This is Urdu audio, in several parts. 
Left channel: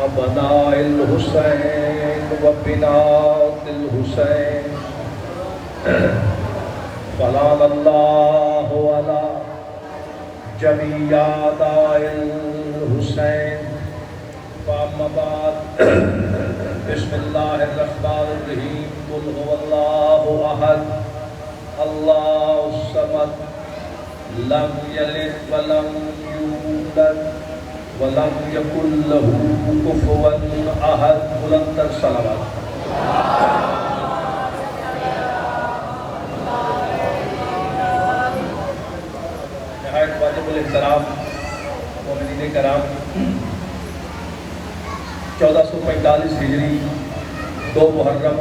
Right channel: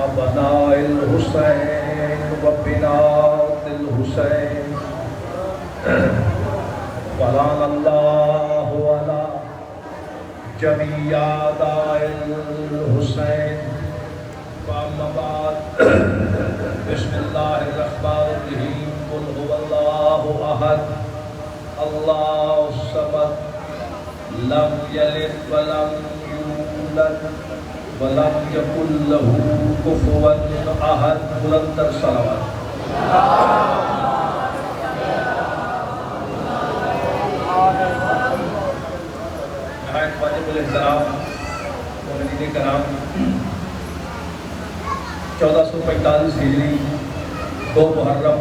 أبناء الحسين وبنات الحسين سلام الله على جميع أعداء الحسين فأما بعد بسم الله الرحمن الرحيم قل هو الله أحد الله الصمد لم يلد ولم يولد ولم يكن له كفوا أحد بلند الصلوات نہایت واجب الاحترام مومنین کرام 1445 ہجری 2 محرم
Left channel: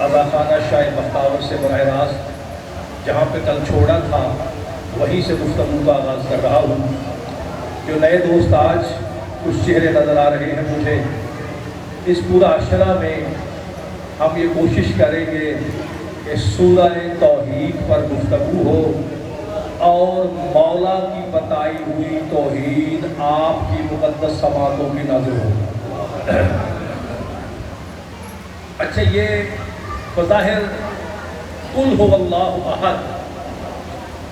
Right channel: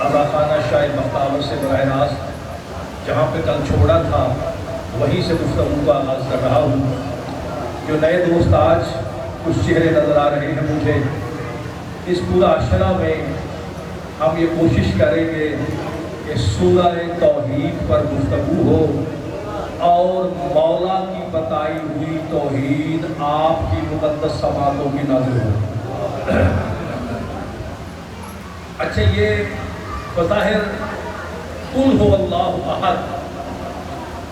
آغا خانہ شاہ مختار سے براہ راست جہاں پہ کل چھوڑا تھا وہیں سے گفتگو کا آغاز کر رہا ہوں. جو نئے دوست آج کچھ چہرے نظر آ رہے ہیں مجھے اس پورا عشرہ میں ہم یہ کوشش کریں گے کہ سورہ توحید پر گفتگو ہو اور مولا کی بتائی ہوئی توحید آپ کی مقدس سماعتوں میں نازل ہو. اچھا یہ بظاہر قل هو اللہ احد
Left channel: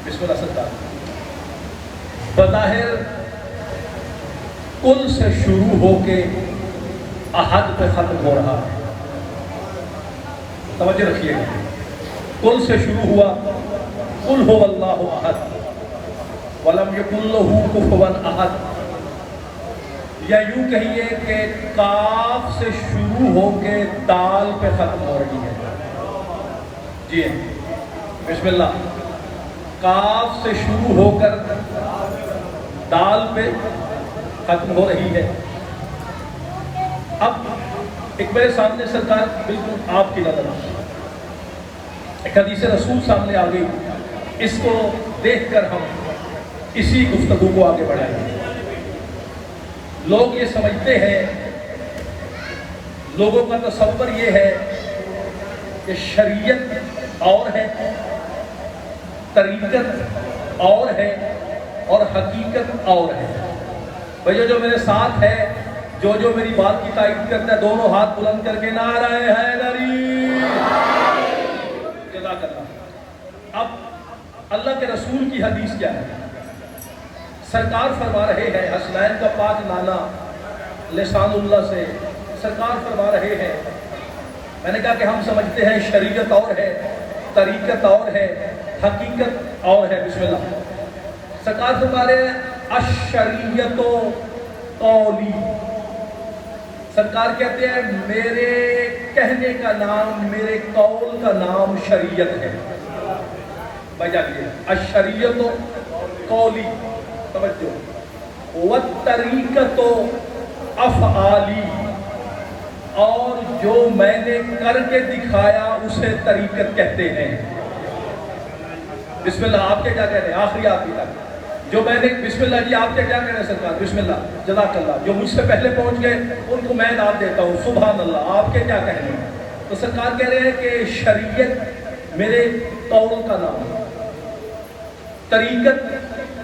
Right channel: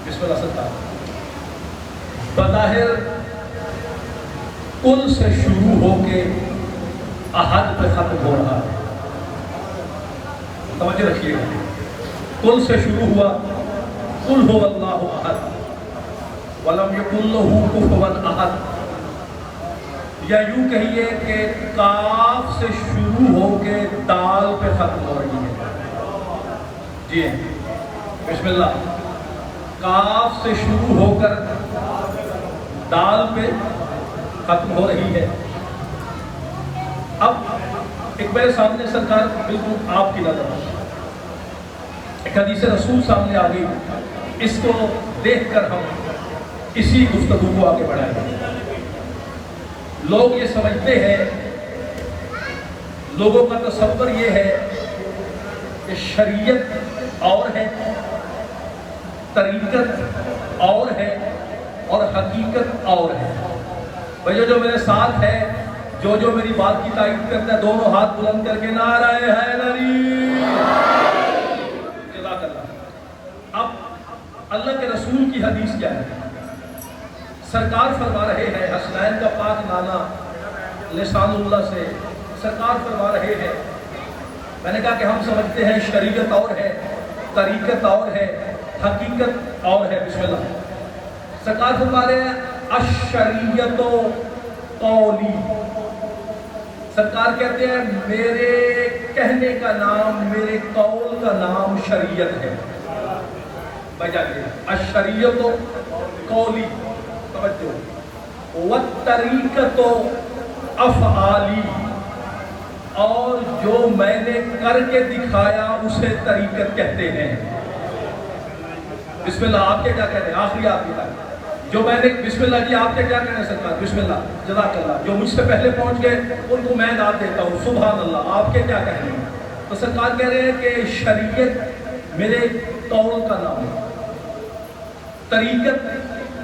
بسم اللہ ستار بظاہر قل سے شروع ہو کے احد پہ ختم ہو رہا ہے. توجہ رکھیے گا قل سے شروع ہوا قل هو اللہ احد ولم یکن لہ کفوا احد یا یوں کہیے کہ کاف سے شروع ہو کے دال پہ ختم ہو رہی ہے. جی بسم اللہ کاف سے شروع ہو کر دال پہ ختم ہو رہی ہے. اب ایک میرے سامنے سرکار بالکل آپ کی نظر ایک حدیث رسول سامنے آ گئی. اس کو دیکھ کر ہم اسی گفتگو کو آگے بڑھائیں گے. لوگ یہ سمجھتے ہیں لوگوں کا تصور یہ ہے کہ شریعت اور ہے طریقت اور ہے اور حقیقت اور ہے. بھئی جو میرے ساتھ ہے جو میری بات کی تائید کرتا ہے دونوں ہاتھ بلند کر کے نعرہ حیدری جزاک اللہ. اب اللہ کے رسول کی حدیث کیا ہے؟ سرکار فرما رہے ہیں حسنین کا پاک نانا لسان اللہ سے سرکار فرما رہے ہیں. میں نے کہا کہ ہم سمجھتے ہیں شریعت اور ہے طریقت اور ہے حقیقت اور ہے. بسم اللہ سرکار فرما رہے ہیں الشریعت قولی. سرکار کہتے ہیں میرے کہنے کا نام میرے قول کا نام شریعت ہے. الشریعت قولی توجہ والطریقت افعالی اور جو میں نے کر کے دکھایا اسے طریقت کہتے ہیں. بسم اللہ آپ کے کیا کہتے ہیں آخری آپ کی جو میں نے بسم اللہ جی آپ کے کیا کہتے ہیں سرکار بسم اللہ جزاک اللہ. جو مجھ سے پہلے پہنچ گئے ان کو میں داد دیتا ہوں سبحان اللہ. آپ کے کیا کہنے ہیں؟ تو سرکار کہہ رہے ہیں کہ شریعت میرے قول کا نام ہے طریقت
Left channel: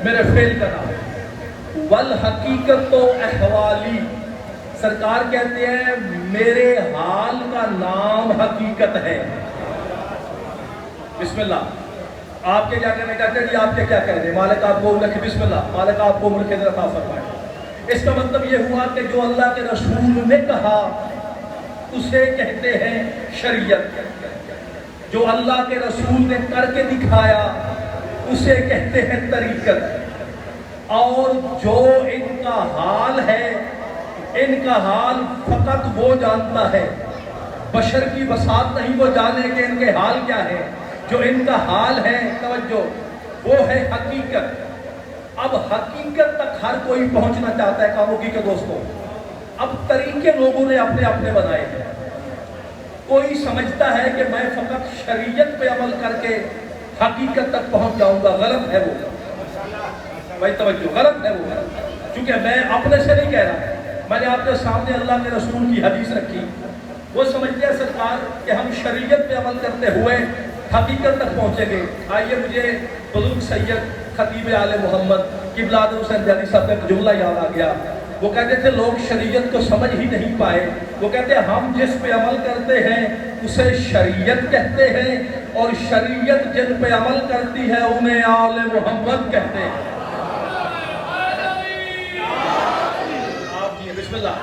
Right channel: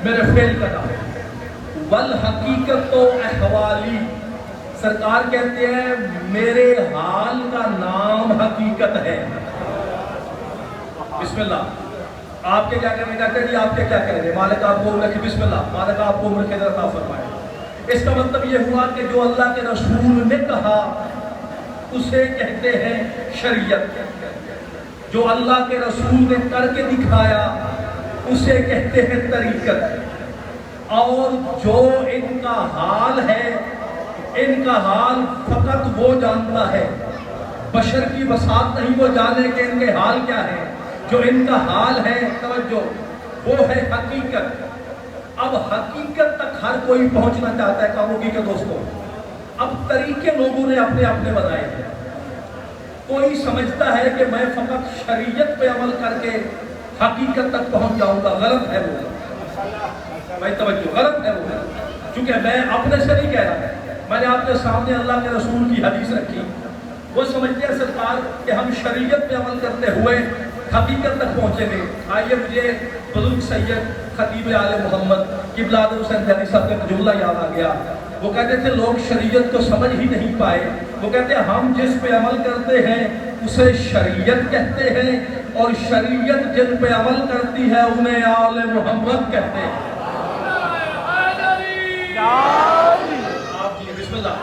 میرے فعل کا نام ہے والحقیقت تو احوالی. سرکار کہتے ہیں میرے حال کا نام حقیقت ہے. بسم اللہ آپ کے کیا کہنے کہتے ہیں جی آپ کے کیا کہنے ہیں مالک آپ کو عمر کی بسم اللہ مالک آپ کو عمر کے ذرا عطا فرمائے. اس کا مطلب یہ ہوا کہ جو اللہ کے رسول نے کہا اسے کہتے ہیں شریعت. جو اللہ کے رسول نے کر کے دکھایا اسے کہتے ہیں طریقت. اور جو ان کا حال ہے ان کا حال فقط وہ جانتا ہے بشر کی بساط نہیں وہ جانے کہ ان کے حال کیا ہے. جو ان کا حال ہے توجہ وہ ہے حقیقت. اب حقیقت تک ہر کوئی پہنچنا چاہتا ہے کاموں کی کے دوستوں. اب طریقے لوگوں نے اپنے اپنے بنائے ہیں. کوئی سمجھتا ہے کہ میں فقط شریعت پہ عمل کر کے حقیقت تک پہنچ جاؤں گا. غلط ہے وہ بھائی توجہ غلط ہے وہ. چونکہ میں اپنے سے نہیں کہہ رہا میں نے آپ کے سامنے اللہ کے رسول کی حدیث رکھی. وہ سمجھتے ہیں سرکار کہ ہم شریعت پہ عمل کرتے ہوئے حقیقت تک پہنچے گے. آئیے مجھے بزرگ سید خطیب آل محمد قبلہ آدم حسین جانی صاحب کا جملہ یاد آ گیا. وہ کہتے تھے لوگ شریعت کو سمجھ ہی نہیں پائے. وہ کہتے ہیں ہم جس پہ عمل کرتے ہیں اسے شریعت کہتے ہیں اور شریعت جن پہ عمل کرتی ہے انہیں آل محمد کہتے ہیں. آپ کی بسم اللہ.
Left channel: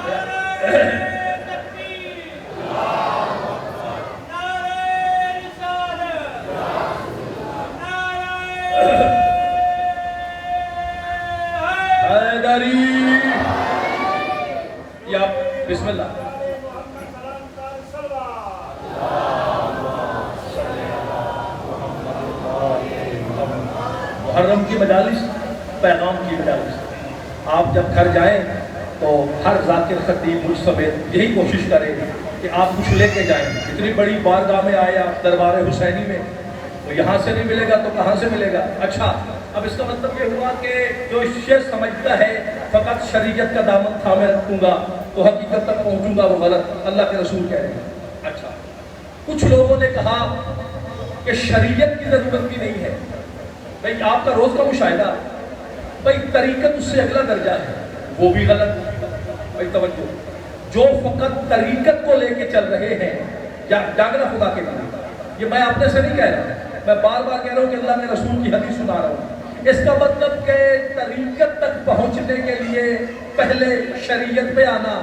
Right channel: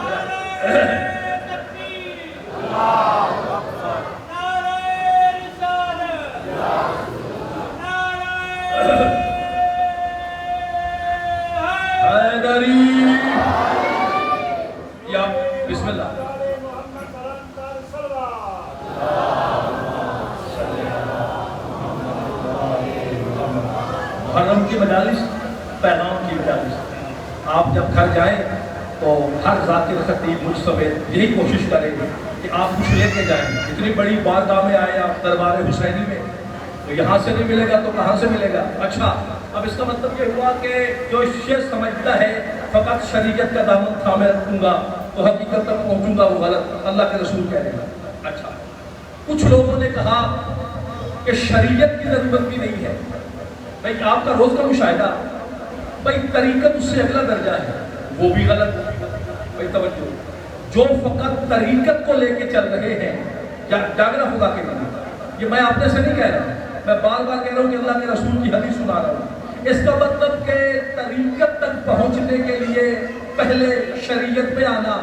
یا بسم اللہ. محرم کی مجالس پیغام کی مجالس. آپ جب گھر جائیں تو ہر ذاکر خطیب مستفید یہی کوشش کریں کہ آپ کچھ لے کے جائیں. اتنی بڑی بارگاہ میں آئے آپ دربار حسینی میں تو یہاں سے نہیں ملے گا تو کہاں سے ملے گا. اچھا اب اس کا مطلب یہ ہوا کہ جو یہ سمجھتا ہے فقط شریعت کا دامن تھامے رکھوں گا تو حقیقت تک پہنچوں گا وہ غلط. اللہ کے رسول کہہ رہے ہیں. اچھا کچھ لوگوں نے کہا کہ شریعت کی ضرورت بھی نہیں ہے. بھائی آپ کا روز کا مشاہدہ بھائی طریقت اس سے اگلا درجہ ہے وہ بھی غلط. بھائی توجہ جو فقط طریقت کو لے کے چل رہے ہیں یا جاگرہ خدا کے لیے یہ میں آپ نے سے نہیں کہہ رہا میں بار بار کہہ رہا ہوں کہ اللہ کے رسول کی حدیث سنا رہا ہوں. اس کا مطلب کہ طریقت تک پہنچنے کے لیے پہلے شریعت پہ آنا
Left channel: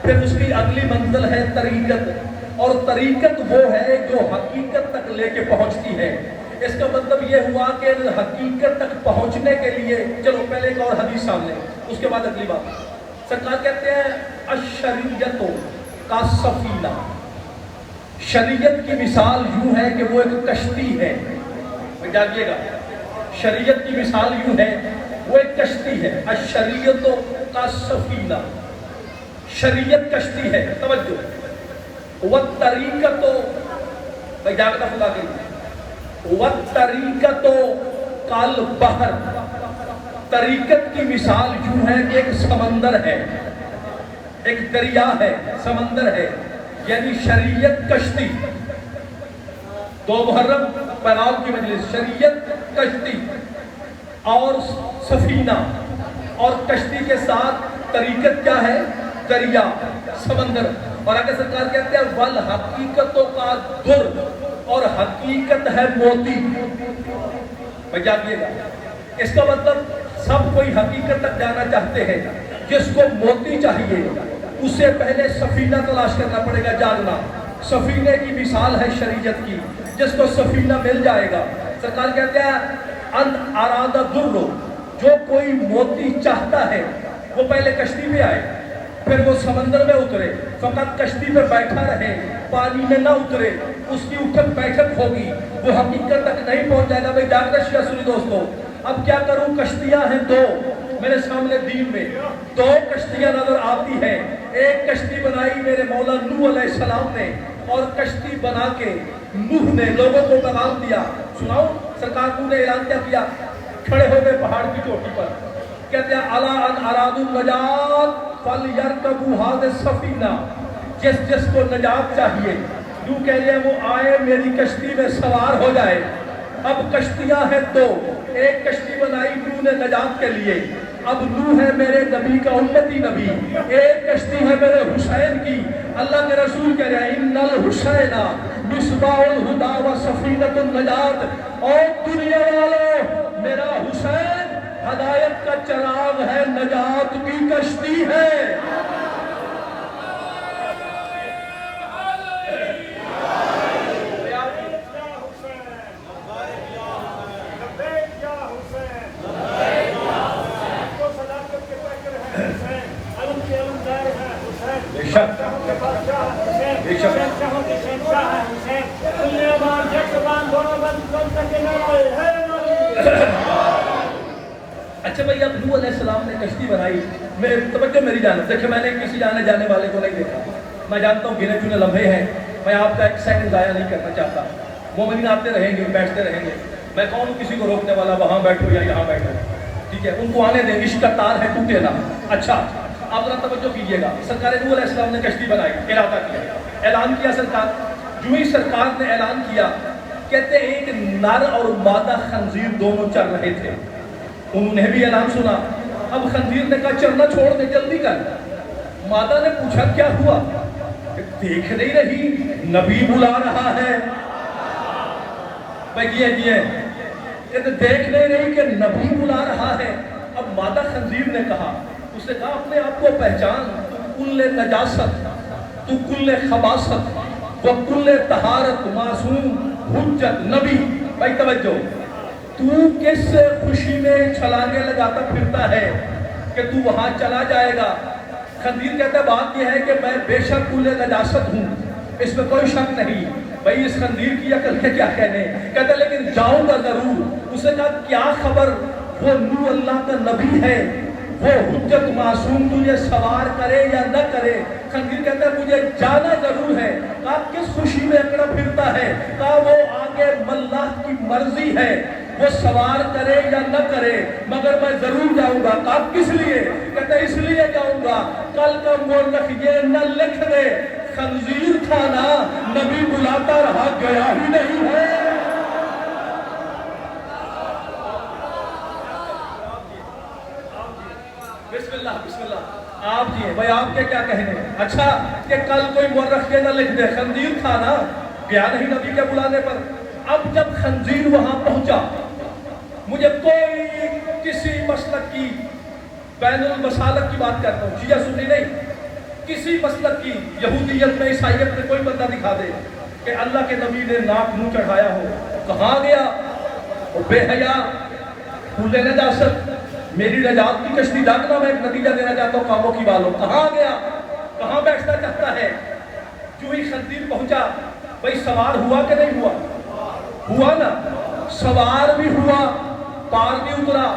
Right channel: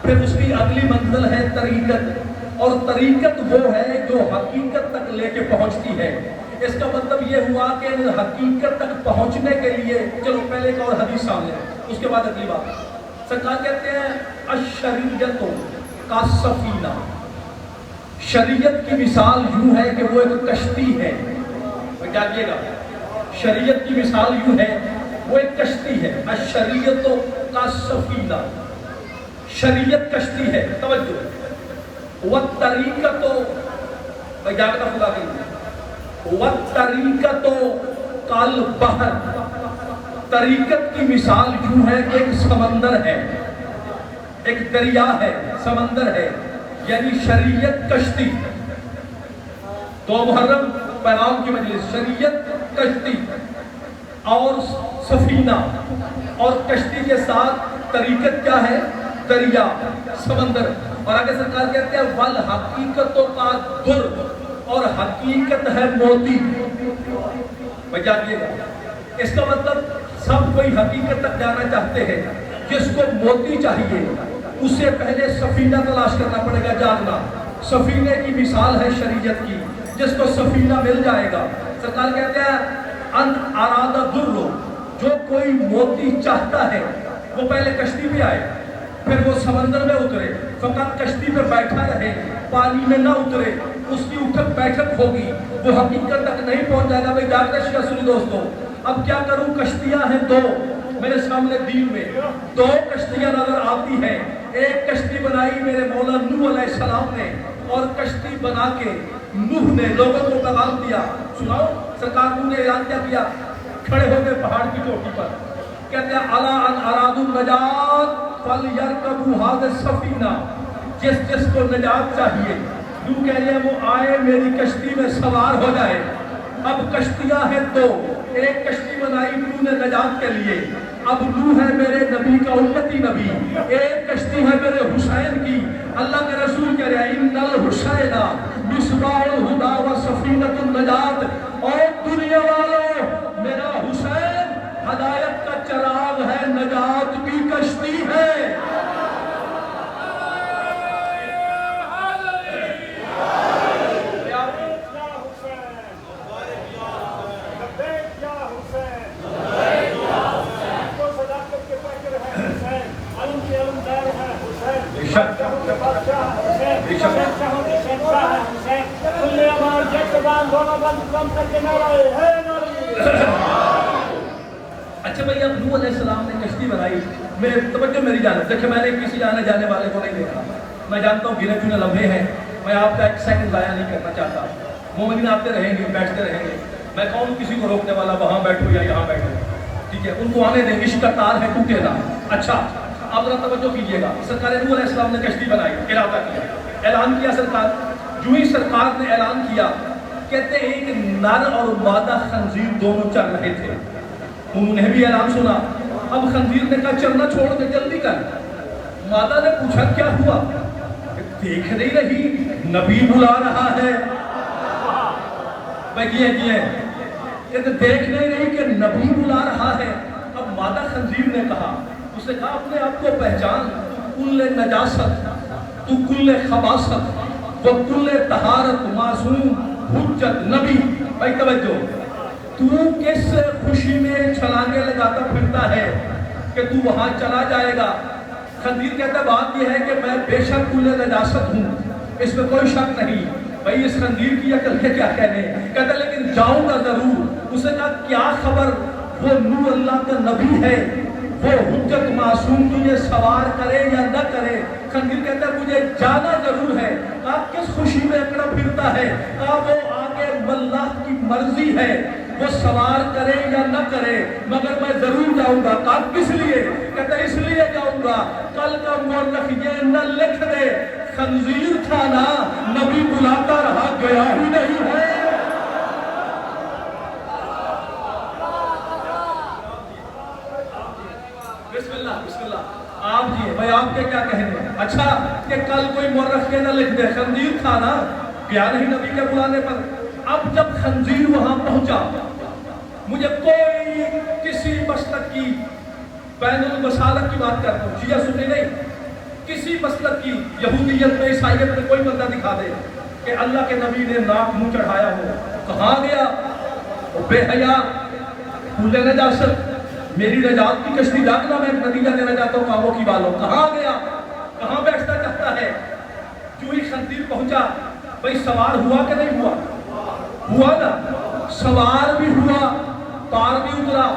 پھر اس کی اگلی منزل ہے طریقت اور طریقت وہ ہے جو حقیقت تک لے کے پہنچتی ہے. اس کا مطلب یہ ہوا کہ حقیقت تک پہنچنے کے لیے چلو پہلے ایک اور حدیث سامنے اس کے بعد اگلی بات. سرکار کہتے ہیں الشریعت کا سفینہ. شریعت کی مثال یوں ہے کہ وہ ایک کشتی ہے. جانیے گا شریعت کی مثال یوں ہے وہ ایک کشتی ہے. الشریعت کا سفینہ شریعت کشتی ہے. توجہ والطریقت جانتا خدا کے والطریقت کالبحر. طریقت کی مثال یوں ہے کہ ایک سمندر ہے ایک دریا ہے سمندر ہے یعنی شریعت کشتی. دو محرم پیغام کی مجلس شریعت کشتی اور سفینہ اور کشتی کے ساتھ طریقت کیا ہے دریا سمندر. اور آگے سرکار کہتے ہیں والحقیقت کا در اور حقیقت ہے موتی. اس کا مطلب سب کوئی حقیقت تک جانا چاہتے ہیں. جس کو موتی چاہیے اسے پہلے سفینہ تلاش کرنا پڑے گا. جاننا سفینے کی مثال ہے شریعت کی. جس کو سفینہ مل جائے گا سرکار کہتے ہیں ان اراد در جو کوئی موتی چاہتا ہے وہ پہلے کشتی میں آئے پھر وہ سمندر میں اترے. فقط کشتی پہ بیٹھا رہے پانی میں نہ اترے اس کی اٹھک بیٹھک ہوگی وہ حقیقت تک نہیں پہنچ جائے گا. بھائی جاگرش رسول دوستو اب کیا کروں کشتیاں ہیں دو میرے سامنے دین میں دو کشتیاں نظر آتی ہیں. ایک کشتی بنائی میرے مولا نوح علیہ السلام نے اور کشتی بنا کے نوح نے لوگوں کو پیغام دیا. سناؤ سرکار نے اعلان کیا کیا کھڑے ہو گئے پہاڑ کی چوٹی پر کہتے ہیں الا ان ارادوا النجات فلیرکبوا هذه السفینہ. جس کو نجات چاہیے یوں کہہ لیں وہ آئے میری کشتی میں سوار ہو جائے. اب کشتیاں ہیں دو ایک کشتی بنائی نوح نے نجات کے لیے. اب نوح ہے میرے نبی کا امتی نبی. ایک کشتی ہے میرے حسین کی. اللہ کے رسول کہہ رہے ہیں ان الحسین مصباح الہدی و سفینۃ النجات. اور دنیا والوں میرا حسین ہدایت کا چراغ ہے نجات کی کشتی ہے. اچھا بھائی اب نوح علیہ السلام نے کشتی بنائی. میرے توجہ میری جان دیکھیں میں نے کسی آنے جانے والے کو نہیں دیکھا. میں جانتا ہوں گنے چنے لمحے ہیں میں آپ کا ایک سیکنڈ ضائع نہیں کرنا چاہتا. مومنین آتے رہیں گے بیٹھتے رہیں گے. میں کون کسی کو روکنے والا وہاں بیٹھو یا یہاں بیٹھو ٹھیک ہے ان کو آنے دیں. عشق کا تار ہے ٹوٹے نہ. اچھا آپ ذرا توجہ کیجیے گا. سرکار نوح علیہ السلام نے کشتی بنائی ارادہ کیا اعلان کیا. سرکار جو ہی سرکار نے اعلان کیا کہتے ایک نر اور مادہ خنزیر دونوں چل رہے تھے انہوں نے بھی اعلان سنا. اب خنزیر نے کہا چلنا چھوڑ دے, جلدی کر. مادہ نے پوچھا کیا ہوا؟ دیکھ نہیں رہی نبی بلا رہا ہے. میں دیکھ نہیں رہی کہ نبی بلا رہا ہے. اب مادہ خنزیر نے کہا, اس نے کہا اپنے آپ کو پہچان, تو کل نجاست, تو کل خباست و کل طہارت, معصوم, حجت, نبی. بھائی توجہ, تو کس خوشی میں چھلانے لگاتا پھرتا ہے کہ تو وہاں چلا جائے گا؟ خنزیر کہتا ہے بات یہ ہے کہ میں بے شک کل نجاست ہوں, اس میں کوئی شک نہیں. بھائی اس خنزیر کی عقل ہے کیا کہنے. کہتا لیکن جاؤں گا ضرور. اسے کہا کیا خبر, وہ نور اللہ کا نبی ہے, وہ حجت معصوم, تجھے سوار کرے یا نہ کرے. خنزیر کہتا ہے مجھے جانا ضرور ہے. کہا کس خوشی میں اکڑا پھرتا ہے؟ کہا وہ آگے اللہ کی مرضی ہے, وہ سوار کرے یا نہ کرے, مگر میں ضرور جاؤں گا. کہا کس لیے؟ کہتا اس لیے جاؤں گا کل کا مورخ یہ نہ لکھ دے خنزیر تھا نا, نبی بلاتا رہا, گیا ہی نہیں ہے. بسم اللہ بسم اللہ. آپ جی بھائی آپ کے کیا کہنے؟ اچھا کہ کل کوئی مورخ یہ نہ لکھ دے خنزیر تھا نا, گیا نہیں نبی کے بلانے پر. اب جب خنزیر وہاں پہنچا, مجھے کوئی کسی مسلک کی بین المسالک کی بات کرتا ہوں, شیعہ سنی نہیں, کسی مسلک کی, یہودیت میں عیسائیت میں کوئی بندہ دکھا دے کہ اللہ کے نبی نے ناک منہ چڑھایا ہو. کہاں گیا وہ بے حیا, کھلے نجاست, میری نجات کی کشتی ڈاکنا, میں ایک نتیجہ دینا چاہتا ہوں کاموں کی بالوں. کہاں گیا, کہاں بیٹھتا چاہتا ہے. جو ہی خنزیر پہنچا, بھئی سوار ہوا کہ نہیں ہوا؟ ہوا نا, سوار بھی ہوا, پار بھی اترا.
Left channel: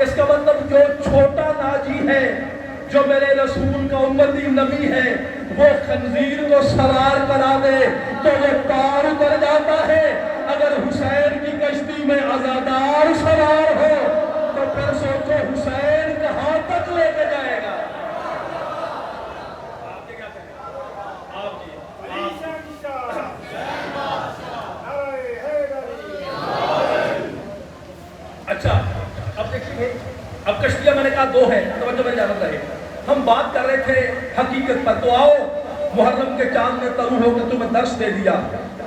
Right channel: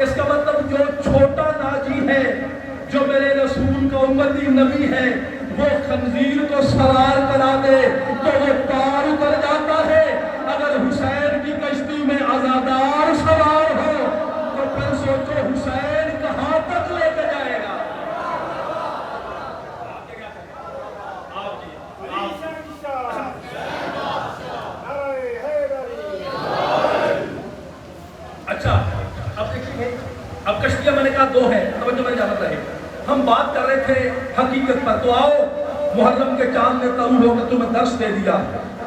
اس کا مطلب جو چھوٹا ناجی ہے, جو میرے رسول کا امتی نبی ہے, وہ خنزیر کو سوار کرا دے تو وہ پار اتر جاتا ہے. اگر حسین کی کشتی میں عزادار سوار ہو تو پھر سوچو حسین کہاں تک لے کے جائے گا. اچھا اب دیکھیے, اب کشتیاں میں نے کہا دو ہیں, توجہ میں جانتا ہے. ہم بات کر رہے تھے حقیقت پر, تو آؤ محرم کے چاند نے طلوع ہو کر تمہیں درس دے دیا.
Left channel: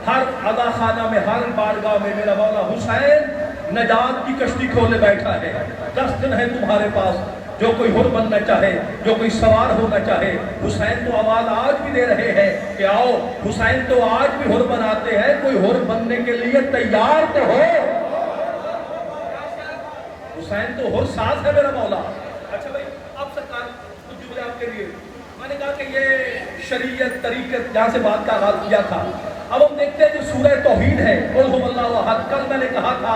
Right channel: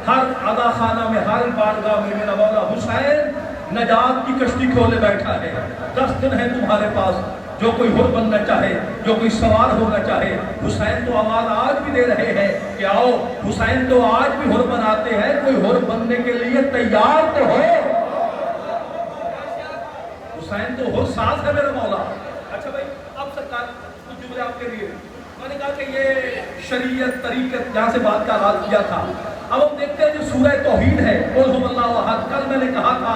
ہر ادا خانہ میں, ہر بارگاہ میں میرا مولا حسین نجات کی کشتی کھولے بیٹھا ہے. 10 دن ہے تمہارے پاس, جو کوئی حر بننا چاہے, جو کوئی سوار ہونا چاہے. حسین تو آواز آج بھی دے رہے ہیں کہ آؤ, حسین تو آج بھی حر بناتے ہیں, کوئی حر بننے کے لیے تیار تو ہو. حسین تو حر ساز ہے میرا مولا. اچھا بھائی اب سرکار کچھ جملے آپ کے لیے, میں نے کہا کہ یہ شریعت طریقت جہاں سے بات کا آغاز کیا تھا. اب ہم دیکھتے ہیں جو سورہ توحید ہے, قل هو اللہ احد, کل میں نے کہا تھا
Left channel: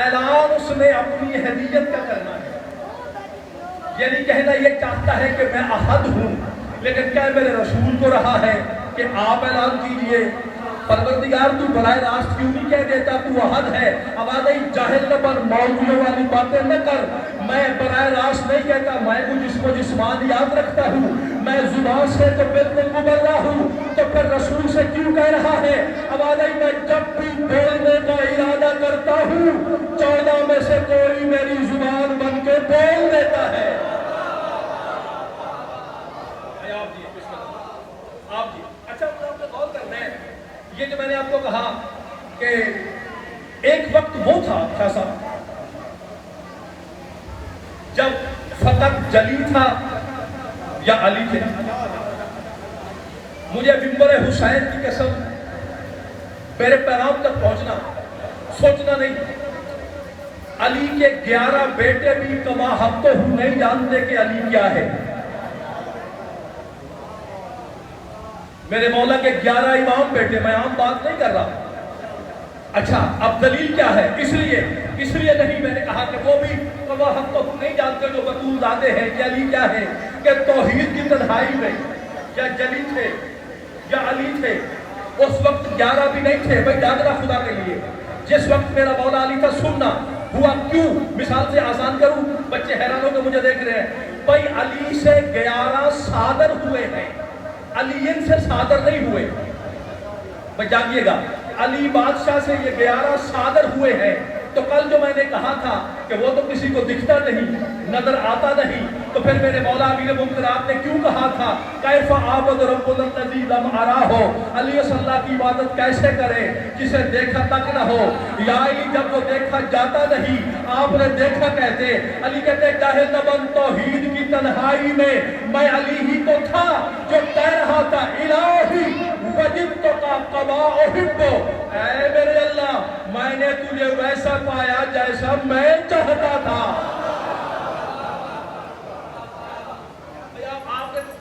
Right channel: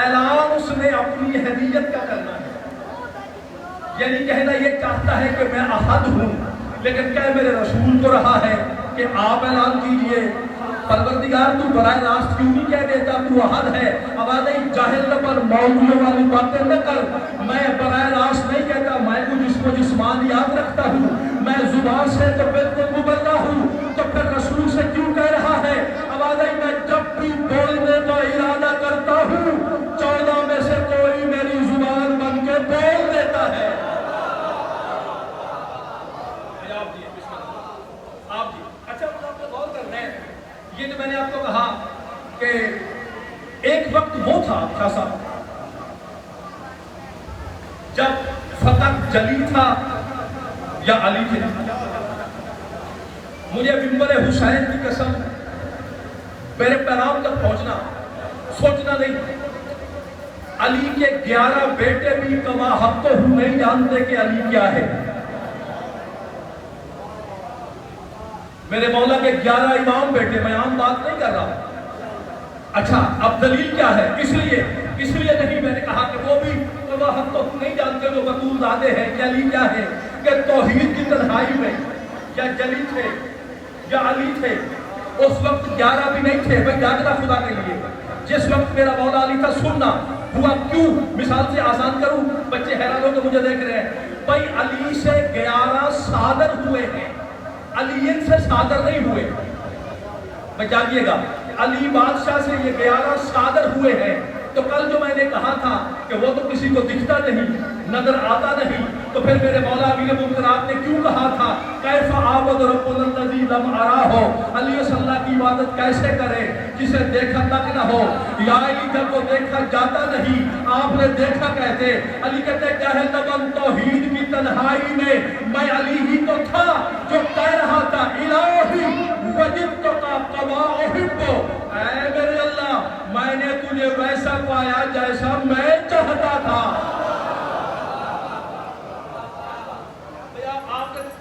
اعلان اس نے اپنی ہدیت کا کرنا ہے. یعنی کہنا یہ چاہتا ہے کہ میں احد ہوں, لیکن کیا میرے رسول کو رہا ہے کہ آپ اعلان کیجئے. پروردگار تو براہ راست کیوں نہیں کہہ دیتا تو احد ہے؟ اب آ گئی جاہل نہ پر, مولویوں والی باتیں نہ کر. میں براہ راست نہیں کہتا, میں وہ جس کو جسمان یاد رکھتا ہوں, میں زبان سے تو بالکل مبلغ ہوں, تو پھر رسول سے کیوں کہہ رہا ہے؟ اب آ گئی میں جب بھی بولنے کا ارادہ کرتا ہوں 14 میں سے کوئی میری زبان بن کے بول دیتا ہے. آپ جی اچھا آپ غور کر رہے ہیں, یہ جو میں نے آپ کو کہا کہ ایک وقت وہ تھا شاہ صاحب جب فتح جلی تھا یا علی تھے. مجھے منبر حسین کی قسم میرے پیغام تک پہنچنا, سوچنا نہیں. علی کے 11 بیٹے بھی کما حق تو ہوں نہیں جانتے کہ علی کیا ہے. میرے مولا کے 11 امام بیٹے, میں عام بات نہیں کر رہا. اچھا اب دلیل کیا ہے؟ اس لیے نہیں میں نے کہا کہ وہ بھی کما حق تو نہیں جانتے, وہ بطول زادے ہیں. کہ علی کیا ہے کہ توحید کی تنہائی میں یا جلی تھے یا علی تھے, اس وقت 11 بھی نہیں تھے. میں جاننا خدا کے لیے, جس وقت میرا مولا علی تھا سننا ہوا کیوں. مثال سے آسان کروں, بچے حیران ہو کے مجھے دیکھ رہے ہیں. بھائی علی سے 11 صادر ہوئے ہیں, علی سے صادر نہیں ہوئے. بھائی جانیے گا, علی بادشاہ سے یہ 11 صادر ہوئے ہیں. تو کل جو میں نے کہا تھا کہ وہ تو کسی کو دکھتا نہیں، نظر آتا نہیں، تو پھر میرے مولا امین منکرات نے کیوں کہا تھا کیف عابد رب الذی لم ارہ، علی صلی اللہ کی عبادت کیسے کرے جسے دیکھا تک نہ ہو؟ یا علی جب وہ دیکھا جاتا نہیں آپ نے دیکھا کہتے، علی کہتے چاہے تبن توحید کی تنہائی میں علی ہی تو تھا جو کہہ رہا تھا الہی وجدتک کما احب، اے میرے اللہ میں نے تجھے ویسا پایا جیسا میں چاہتا تھا۔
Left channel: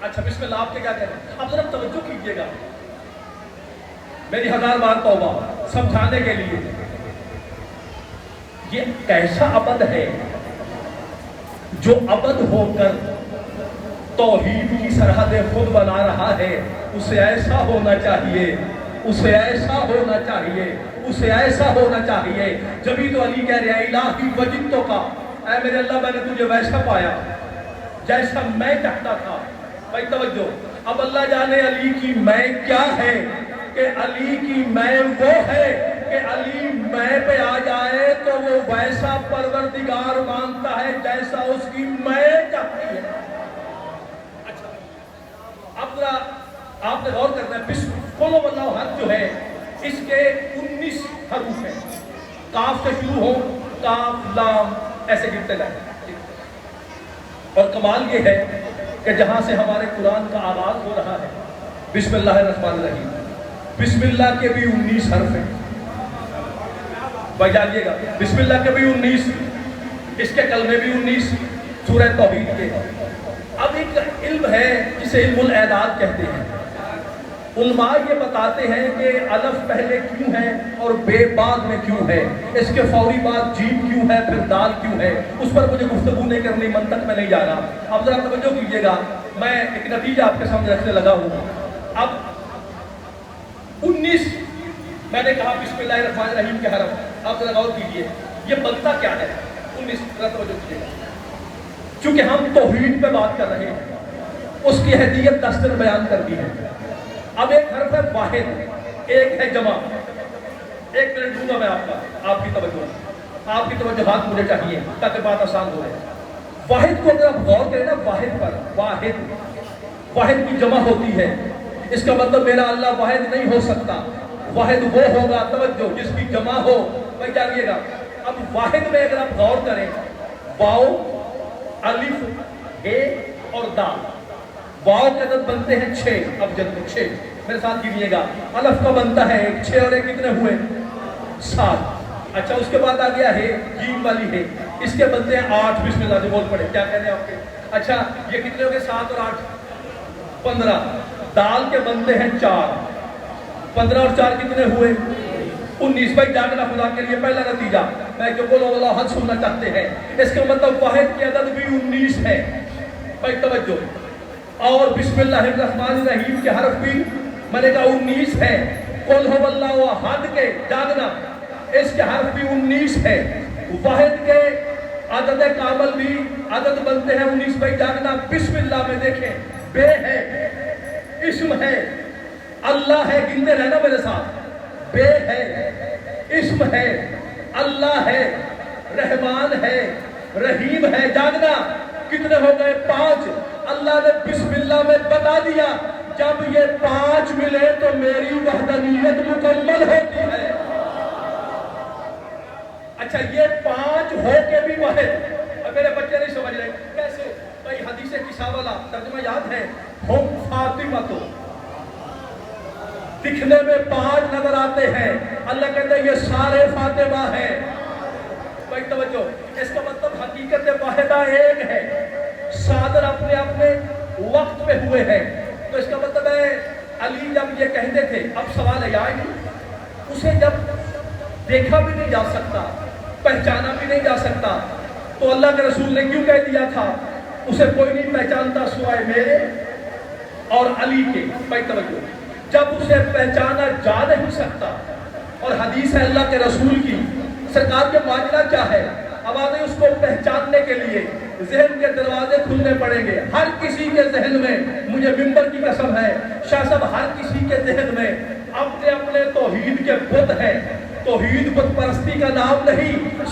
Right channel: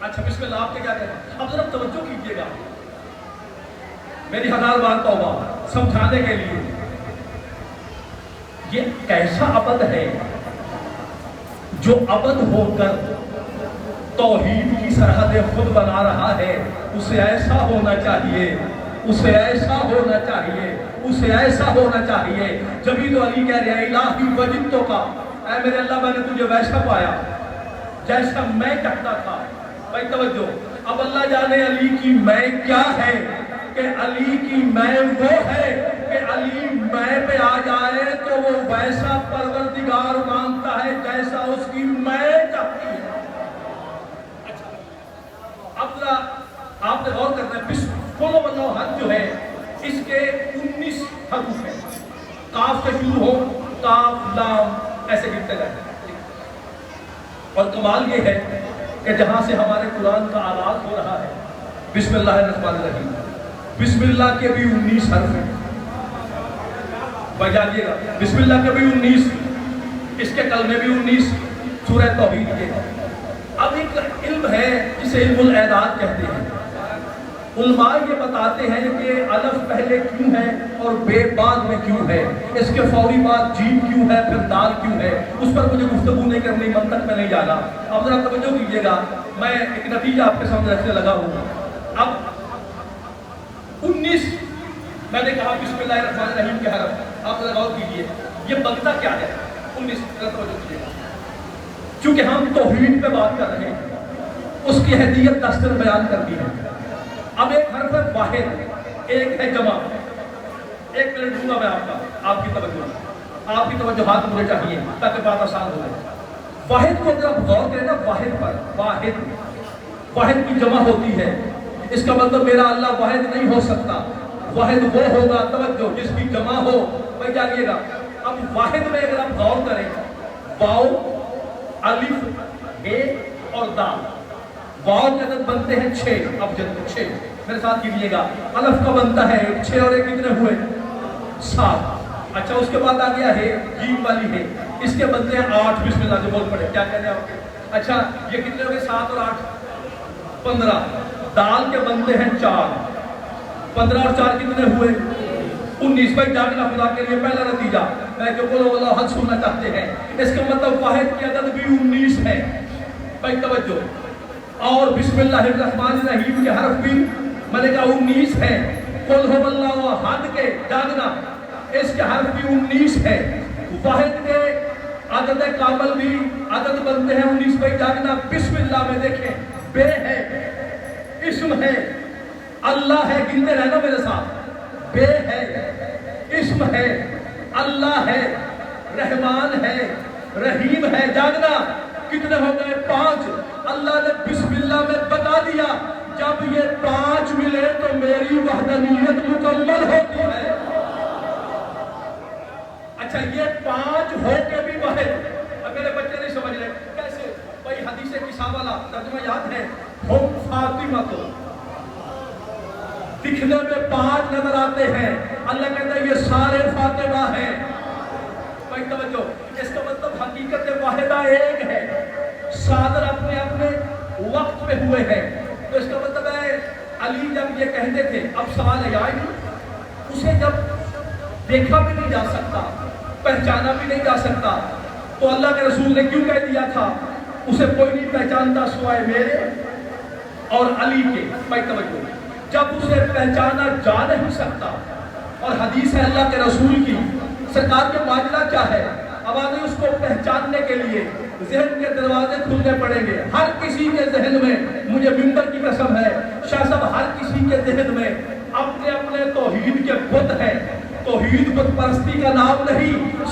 اچھا بسم اللہ، آپ نے کیا کہتے ہیں؟ آپ ذرا توجہ کیجئے گا، میری 1000 بار توبہ سمجھانے کے لیے۔ یہ کیسا عبد ہے جو عبد ہو کر توحید کی سرحدیں خود بنا رہا ہے؟ اسے ایسا ہونا چاہیے، اسے ایسا ہونا چاہیے، اسے ایسا ہونا چاہیے۔ جبھی تو علی کہہ رہے ہیں الہی وجدتک، اے میرے اللہ میں نے تجھے ویسا پایا جیسا میں چاہتا تھا۔ بھائی توجہ، اب اللہ جانے علی کی میں کیا ہے کہ علی کی میں وہ ہے کہ علی میں پہ آ جائے تو وہ ویسا پروردگار مانگتا ہے جیسا اس کی میں چاہتی ہے۔ اچھا اب ذرا آپ نے غور کرنا ہے، قل ہو اللہ احد جو ہے اس کے 19 حروف ہیں، کاف سے شروع ہو، کاف لام ایسے گرتے جائیں، اور کمال یہ ہے کہ جہاں سے ہمارے قرآن کا آغاز ہو رہا ہے بسم اللہ الرحمن الرحیم، بسم اللہ کے بھی 19 حرف ہیں۔ بجائیے گا بسم اللہ کے بھی 19، اس کے کلمے بھی 19 سورہ توحید کے۔ اب ایک علم ہے جسے علم الاعداد کہتے ہیں۔ علماء یہ بتاتے ہیں کہ الف پہلے کیوں ہے اور بے بعد میں کیوں ہے، اس کے فوری بعد جیم کیوں ہے، پھر دال کیوں ہے، اس پر مجھے گفتگو نہیں کرنی، منطق میں نہیں جانا۔ اب ذرا توجہ کیجئے گا، میں ایک نتیجہ آپ کے سامنے رکھنے لگا ہوں۔ اب 19 میں نے کہا بسم اللہ الرحمن الرحیم کے حرف، آپ ذرا غور کیجئے یہ بنتا کیا ہے؟ 19 ذرا توجہ کیجئے گا، چونکہ ہم توحید پہ بات کر رہے ہیں، اس کی اہمیت دستر بیان کرتی ہے۔ اب ایک حرف ہے واحد، ایک ہے جمع۔ ایک منٹ دوں گا میں آپ کی توجہات مجھے چاہیے تاکہ بات آسان ہو جائے۔ واحد کو اگر آپ غور کریں نا، واحد پر، واحد کی جمع ہوتی ہے، اس کا مطلب میرا اللہ واحد نہیں ہو سکتا، واحد وہ ہوگا توجہ جس کی جمع ہو۔ میں جانیے گا، اب واحد میں اگر آپ غور کریں، واو، الف، اے اور دال، واو کے عدد بنتے ہیں 6، اب جلد 6 میرے ساتھ کیجئے گا، الف کا بنتا ہے 6 اور 1 کتنے ہوئے؟ 7۔ اچھا اس کے بعد آ گیا ہے جیم والی ہے، اس کے بنتے ہیں 8، بسم اللہ سے بول پڑے، کیا کہنے ہیں آپ کے؟ اچھا یہ کتنے ہوئے؟ 7 اور 8 15۔ دال کے بنتے ہیں 4، 15 اور 4 کتنے ہوئے؟ 19۔ بھائی جاگنا خدا کے لیے پہلا نتیجہ میں کہ بولو اللہ حد سننا چاہتے ہیں، اس کا مطلب واحد کے عدد بھی 19 ہے۔ بھائی توجہ، اور بسم اللہ الرحمن الرحیم کے حرف بھی میں نے کہا 19 ہے۔ قل ہو اللہ احد کے جاگنا، اس کے حرف بھی 19 ہے۔ واحد کے عدد کامل بھی عدد بنتے ہیں 19۔ بھائی جاگنا، بسم اللہ میں دیکھیں، بے ہے، اسم ہے، اللہ ہے، گنتے رہنا میرے ساتھ، بے ہے، اسم ہے، اللہ ہے، رحمان ہے، رحیم ہے۔ جاگنا، کتنے ہو گئے؟ 5۔ اللہ نے بسم اللہ میں بتا دیا جب یہ 5 ملے تو میری وحدانیت مکمل ہوتی ہے۔ اچھا یہ 5 ہو کے بھی واحد، اب میرے بچے نہیں سمجھ رہے کیسے؟ بھائی حدیث کسا والا ترجمہ یاد ہے، ہم فاطمہ تو دکھنے میں 5 نظر آتے ہیں، اللہ کہتا ہے یہ سارے فاطمہ ہیں۔ بھائی توجہ، اس کا مطلب حقیقت واحدہ ایک ہے، صادر اپنے وقت پہ ہوئے ہیں۔ تو اس کا مطلب ہے علی جب یہ کہتے تھے، اب سوال ہے آئے نہیں، اسے جب دیکھا بھی نہیں جا سکتا، پہچانا بھی نہیں جا سکتا، تو اللہ کے رسول نے کیوں کہہ دیا تھا اسے کوئی نہیں پہچانتا سوائے میرے اور علی کے؟ بھائی توجہ، جب اسے پہچانا جا نہیں سکتا، اور حدیث ہے اللہ کے رسول کی، سرکار کے معاملہ کیا ہے؟ آوازیں اس کو پہچاننے کے لیے ذہن کے دروازے کھلنے پڑیں گے۔ ہر کسی کے ذہن میں، مجھے منبر کی قسم ہے شاہ صاحب، ہر کسی کے ذہن میں اپنے توحید کے بت ہیں۔ توحید بت پرستی کا نام نہیں،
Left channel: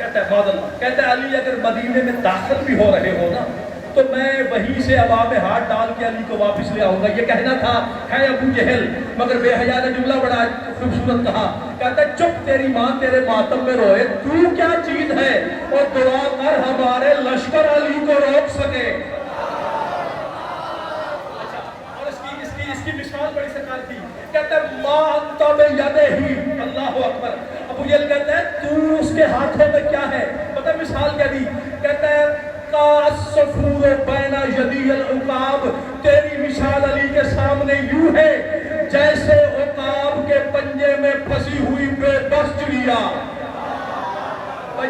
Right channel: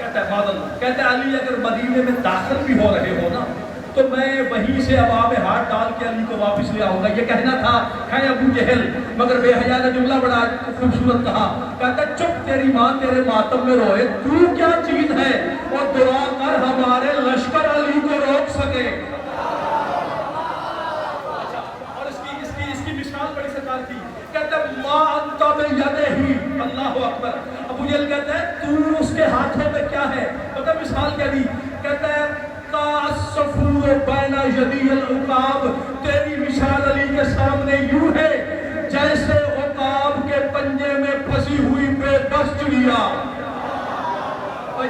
کہتا ہے معذ اللہ، کہتا ہے علی اگر مدینے میں داخل بھی ہو رہے ہو نا تو میں وہیں سے ابا میں ہاتھ ڈال کے علی کو واپس لے آؤں گا. یہ کہنا تھا ہے ابو جہل، مگر بے حیا نے جملہ بڑا خوبصورت کہا. کہتا ہے چپ تیری ماں تیرے ماتم میں روئے، تو کیا چیز ہے اور دعا کر ہمارے لشکر علی کو روک سکے. اور اس کی مثال بڑی سرکار تھی. کہتا ہے ما انت بیدہی، اللہ اکبر. ابو جہل کہتا ہے تو اس کے ہاتھوں میں کیا ہے؟ پتہ مثال کیا دی؟ کہتا ہے الصفور بین یدی العقاب، تیری مثال علی کے سامنے یوں ہے جیسے عقاب کے پنجے میں پھنسی ہوئی بے بس چڑیا.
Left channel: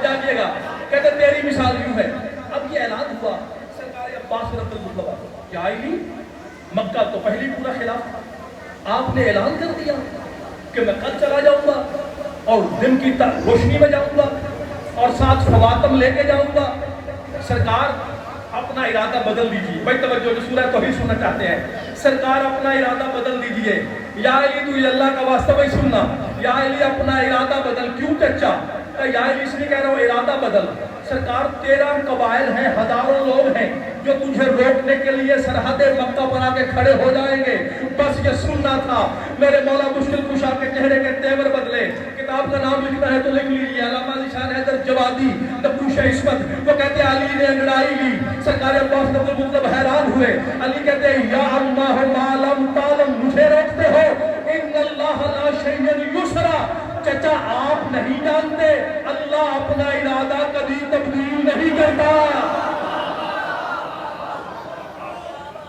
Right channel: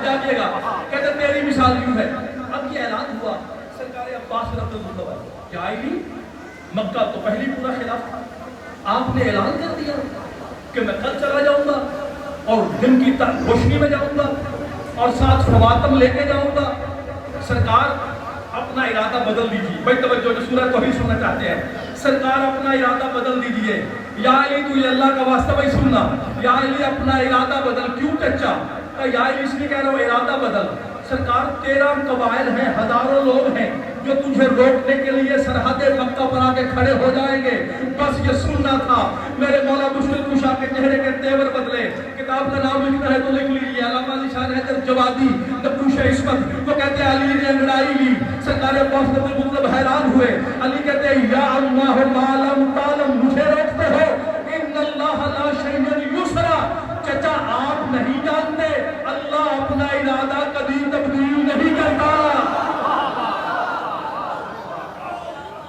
جاگیے گا. کہتے ہیں تیری مثال یوں ہے. اب یہ اعلان ہوا سرکار عباس رضی اللہ عنہ کہ آئی مکہ تو پہلی پورا خلاف تھا، آپ نے اعلان کر دیا کہ میں کل چلا جاؤں گا اور دن کی روشنی میں جاؤں گا اور ساتھ فواتم لے کے جاؤں گا. سرکار اپنا ارادہ بدل دیجیے. بھائی توجہ، جو سورہ توحید سننا چاہتے ہیں، سرکار اپنا ارادہ بدل دیجیے. یا علی تو اللہ کا واسطہ بھائی سننا، یا علی اپنا ارادہ بدل. کیوں چچا؟ کہ یا علی اس لیے کہہ رہا ہوں ارادہ بدل. سرکار 13 قبائل ہیں، ہزاروں لوگ ہیں جو تجھے روکنے کے لیے سرحد مکہ پر آ کے کھڑے ہو جائیں گے. بس یہ سننا تھا. میرے مولا مشکل کشا کے چہرے کے تیور بدلے. کتاب کا نام لکھنا ہے تو لکھ لیجیے، علامہ علی شان حیدر جوادی نقوش عصمت. وہ کہتے ہیں علی نے انگڑائی لی. سرکار عباس نے مطلب حیران ہوئے. علی کہتے ہیں یا اللہ معلم تعلم، مجھے روکتے ہو؟ ان اللہ لا شیء یسرا. چچا آپ نہیں جانتے اللہ اپنا ارادہ کبھی تبدیل نہیں کرتا.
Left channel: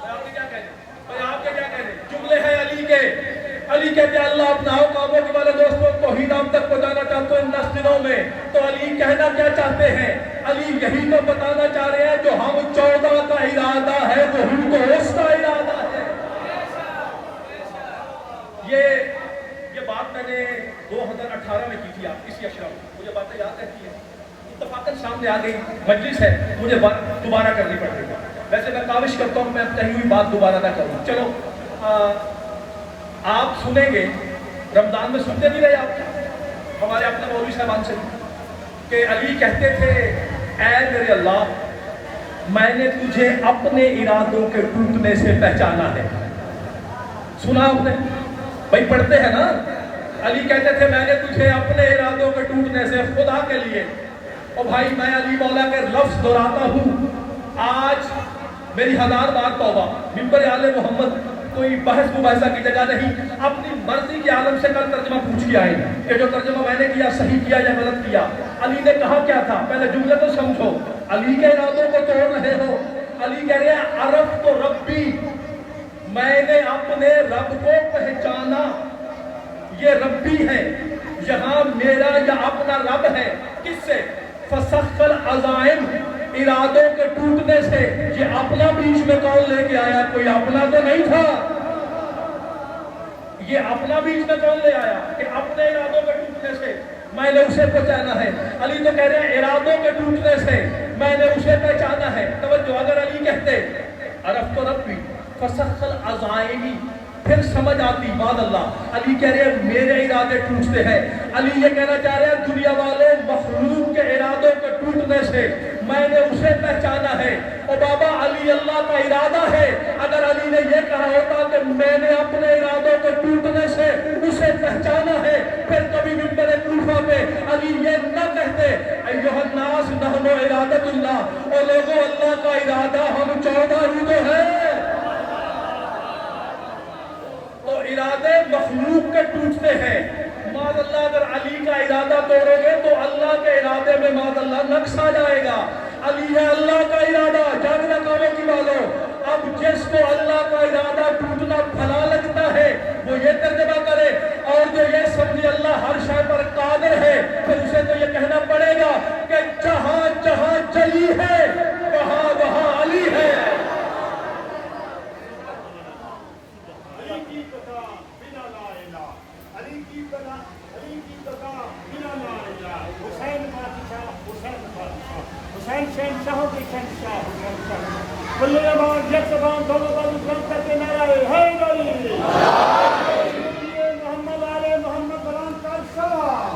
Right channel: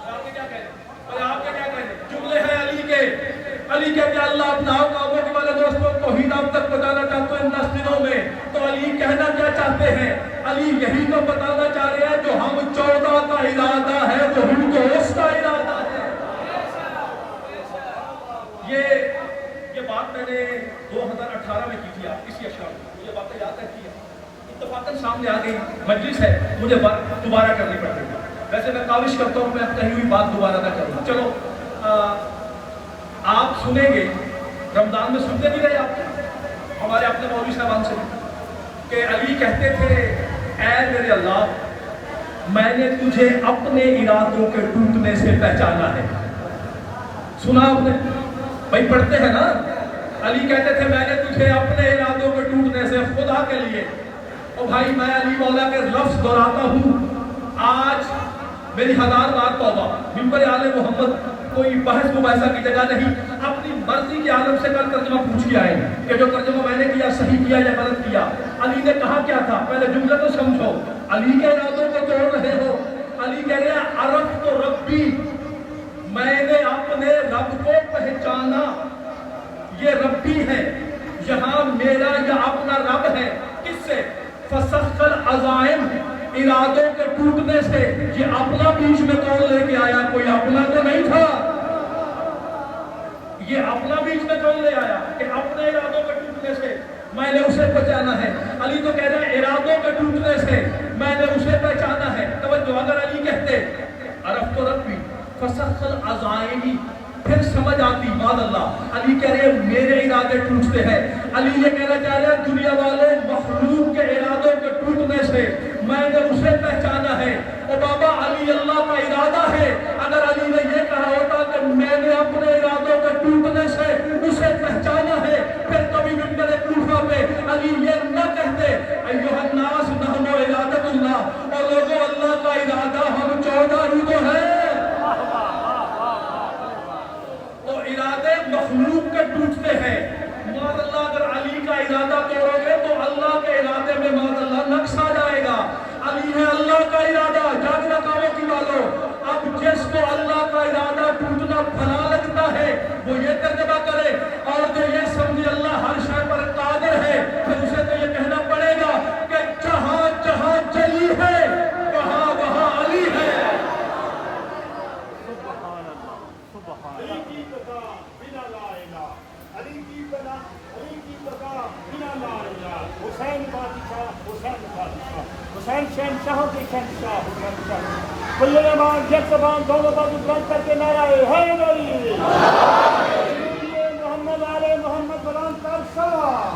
آپ کے کیا کہنے جملے ہیں علی کے. علی کہتے ہیں اللہ اپنا کاموں کے والے دوستوں توحید آپ تک پہنچانا چاہتے ہیں ان دنوں میں. تو علی کہنا کیا چاہتے ہیں؟ علی یہی تو بتانا چاہ رہے ہیں جو ہم 14 کا ارادہ ہے وہی تو اس کا ارادہ ہے. یہ بات میں نے 2018 میں کی تھی آپ کسی اشعار میں، مجھے باتیں یاد رہتی ہیں. اتفاقاً سامنے آ گئی مجلس ہے، مجھے بات دوبارہ کرنی پڑ گئی. ویسے میں کاوش کرتا ہوں میں کہی ہوئی بات دوبارہ نہ کروں. چلو آپ سنیں گے، رمضان میں سنتے بھی رہے آپ ہمارے اپنے مولوی صاحبان سے کہ علی کہتے تھے اے میرے اللہ میں نے تجھے اپنے ارادوں کے ٹوٹنے سے پہچانا ہے. سنا آپ نے؟ بھائی پڑھتے ہیں نا. علی کہتے تھے میں نے تجھے اپنے ارادوں کے ٹوٹنے سے خدا کے لیے. اور بھائی میں علی مولا کے لفظ دہراتا ہوں. آج میری 1000 بار توبہ، منبر آل محمد کوئی بحث مباحثہ کی جگہ نہیں. اپنی مرضی کے عالم سے کل ترجمہ پوچھ کے آئے کہ جو ترجمہ میں نے کیا صحیح کیا یا غلط کیا. علی نے کہا کیا تھا؟ پہلے جملے تو سمجھو. علی کے ارادوں کو توڑ رہے ہو. علی کہہ رہے ہیں عرف تو ربی، میں نے اپنے رب کو پہچانا. یہ ربی ہے، یہاں میرا یا اپنا رب ہے. کس سے؟ فسخ العزائم، ارادوں کے ٹوٹنے سے. یہ اپنا بیچ میں کون لے کے آیا؟ کوئی اپنا تو نہیں تھا. یہ اپنا بیچ میں کون لے آیا کہ اپنے ارادوں کے ٹوٹنے سے میں نے اسے پہچانا ہے. علی تو کہہ رہے ہیں ارادوں کے ٹوٹنے سے میں نے اسے پہچانا ہے. توجہ، اگر علی کہتے عرف تو ربی فسخ العزائم پھر سمجھ آتی. معاذ اللہ. علی کہہ رہے ہیں میرے ارادے ٹوٹتے ہیں. علی یہ کہنا چاہ رہے ہیں دنیا والوں مخلوق کے ارادوں کے ٹوٹنے سے میں نے اسے پہچانا ہے. اور بابا علی اللہ کا ارادہ ہے. اگر علی نے یہ کہا ہوتا کہ میں نے اپنے ارادوں کے ٹوٹنے سے اسے پہچانا ہے، پھر کبھی منبر کوفہ پہ علی یہ نہ کہتے ایھا الناس نحن ارادۃ اللہ، اور لوگوں اللہ کا ارادہ ہم 14 ہی تو ہیں. ارادے مخلوق کے ٹوٹتے ہیں. معاذ اللہ اگر علی کا ارادہ توڑو گے تو اللہ کے ارادے میں معاذ اللہ نقص آ جائے گا. علی ہے اللہ کا ارادہ. جاگنا کاموں کی والوں، اب جس کو اللہ کا ارادہ ٹوٹنا بھلا لگتا ہے وہ یہ ترجمہ کرے، اور جو یہ سمجھے اللہ ہر شے پر قادر ہے پھر اسے تو یہ کہنا پڑے گا کہ جہاں جہاں جلی ہے وہاں وہاں علی ہے. حسین شہنشاہوں کے شہنشاہ حسین شاہ کل نماز یک زبان دونوں بازو بلند کر کے نعرہ حیدر علی محمد آل محمد بلند کر سلام.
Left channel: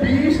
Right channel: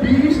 20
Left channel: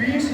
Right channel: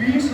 20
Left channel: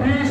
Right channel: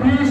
20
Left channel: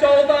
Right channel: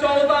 14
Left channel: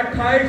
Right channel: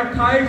28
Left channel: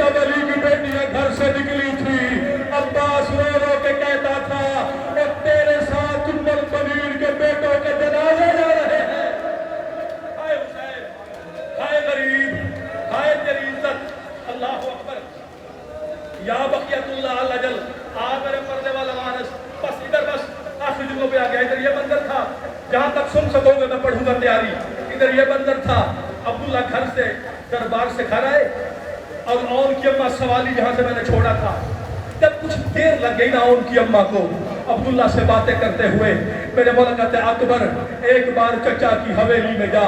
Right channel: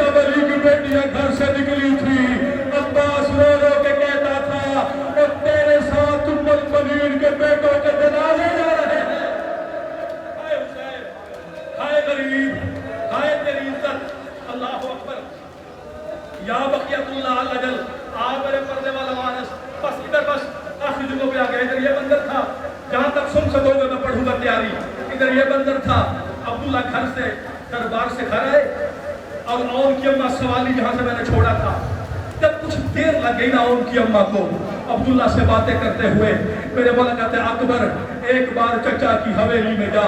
جب علی کی بیٹیاں گھر سے نکلی تھی عباس رو رو کے کہتا تھا کہ تیرے ساتھ ام المؤمنین کے بیٹوں کے جنازے جا رہے ہیں. ہائے حسین، ہائے غریب، ہائے تیری عزت. اللہ اکبر. یا بقیت اللہ الجل. میرے پردے والا مانس بس ادھر بس آخری جگہوں پہ آ گیا. ادھر یہ منظر تھا جہاں تک سن سکو گے میں پڑھوں گا تیاری. ادھر یہ منظر تھا عبداللہ گھر سے دربار سے گھر آئے اور اون کی اماں سوالی جہاں سے میں نے چھوڑا تھا جب کچھ دیر لگ گئی نا اون کی اماں کو عبداللہ سے باتیں کرتے ہوئے میرے مولا کہتے ہیں اکبر ایک بار چچا کی حویلی میں جا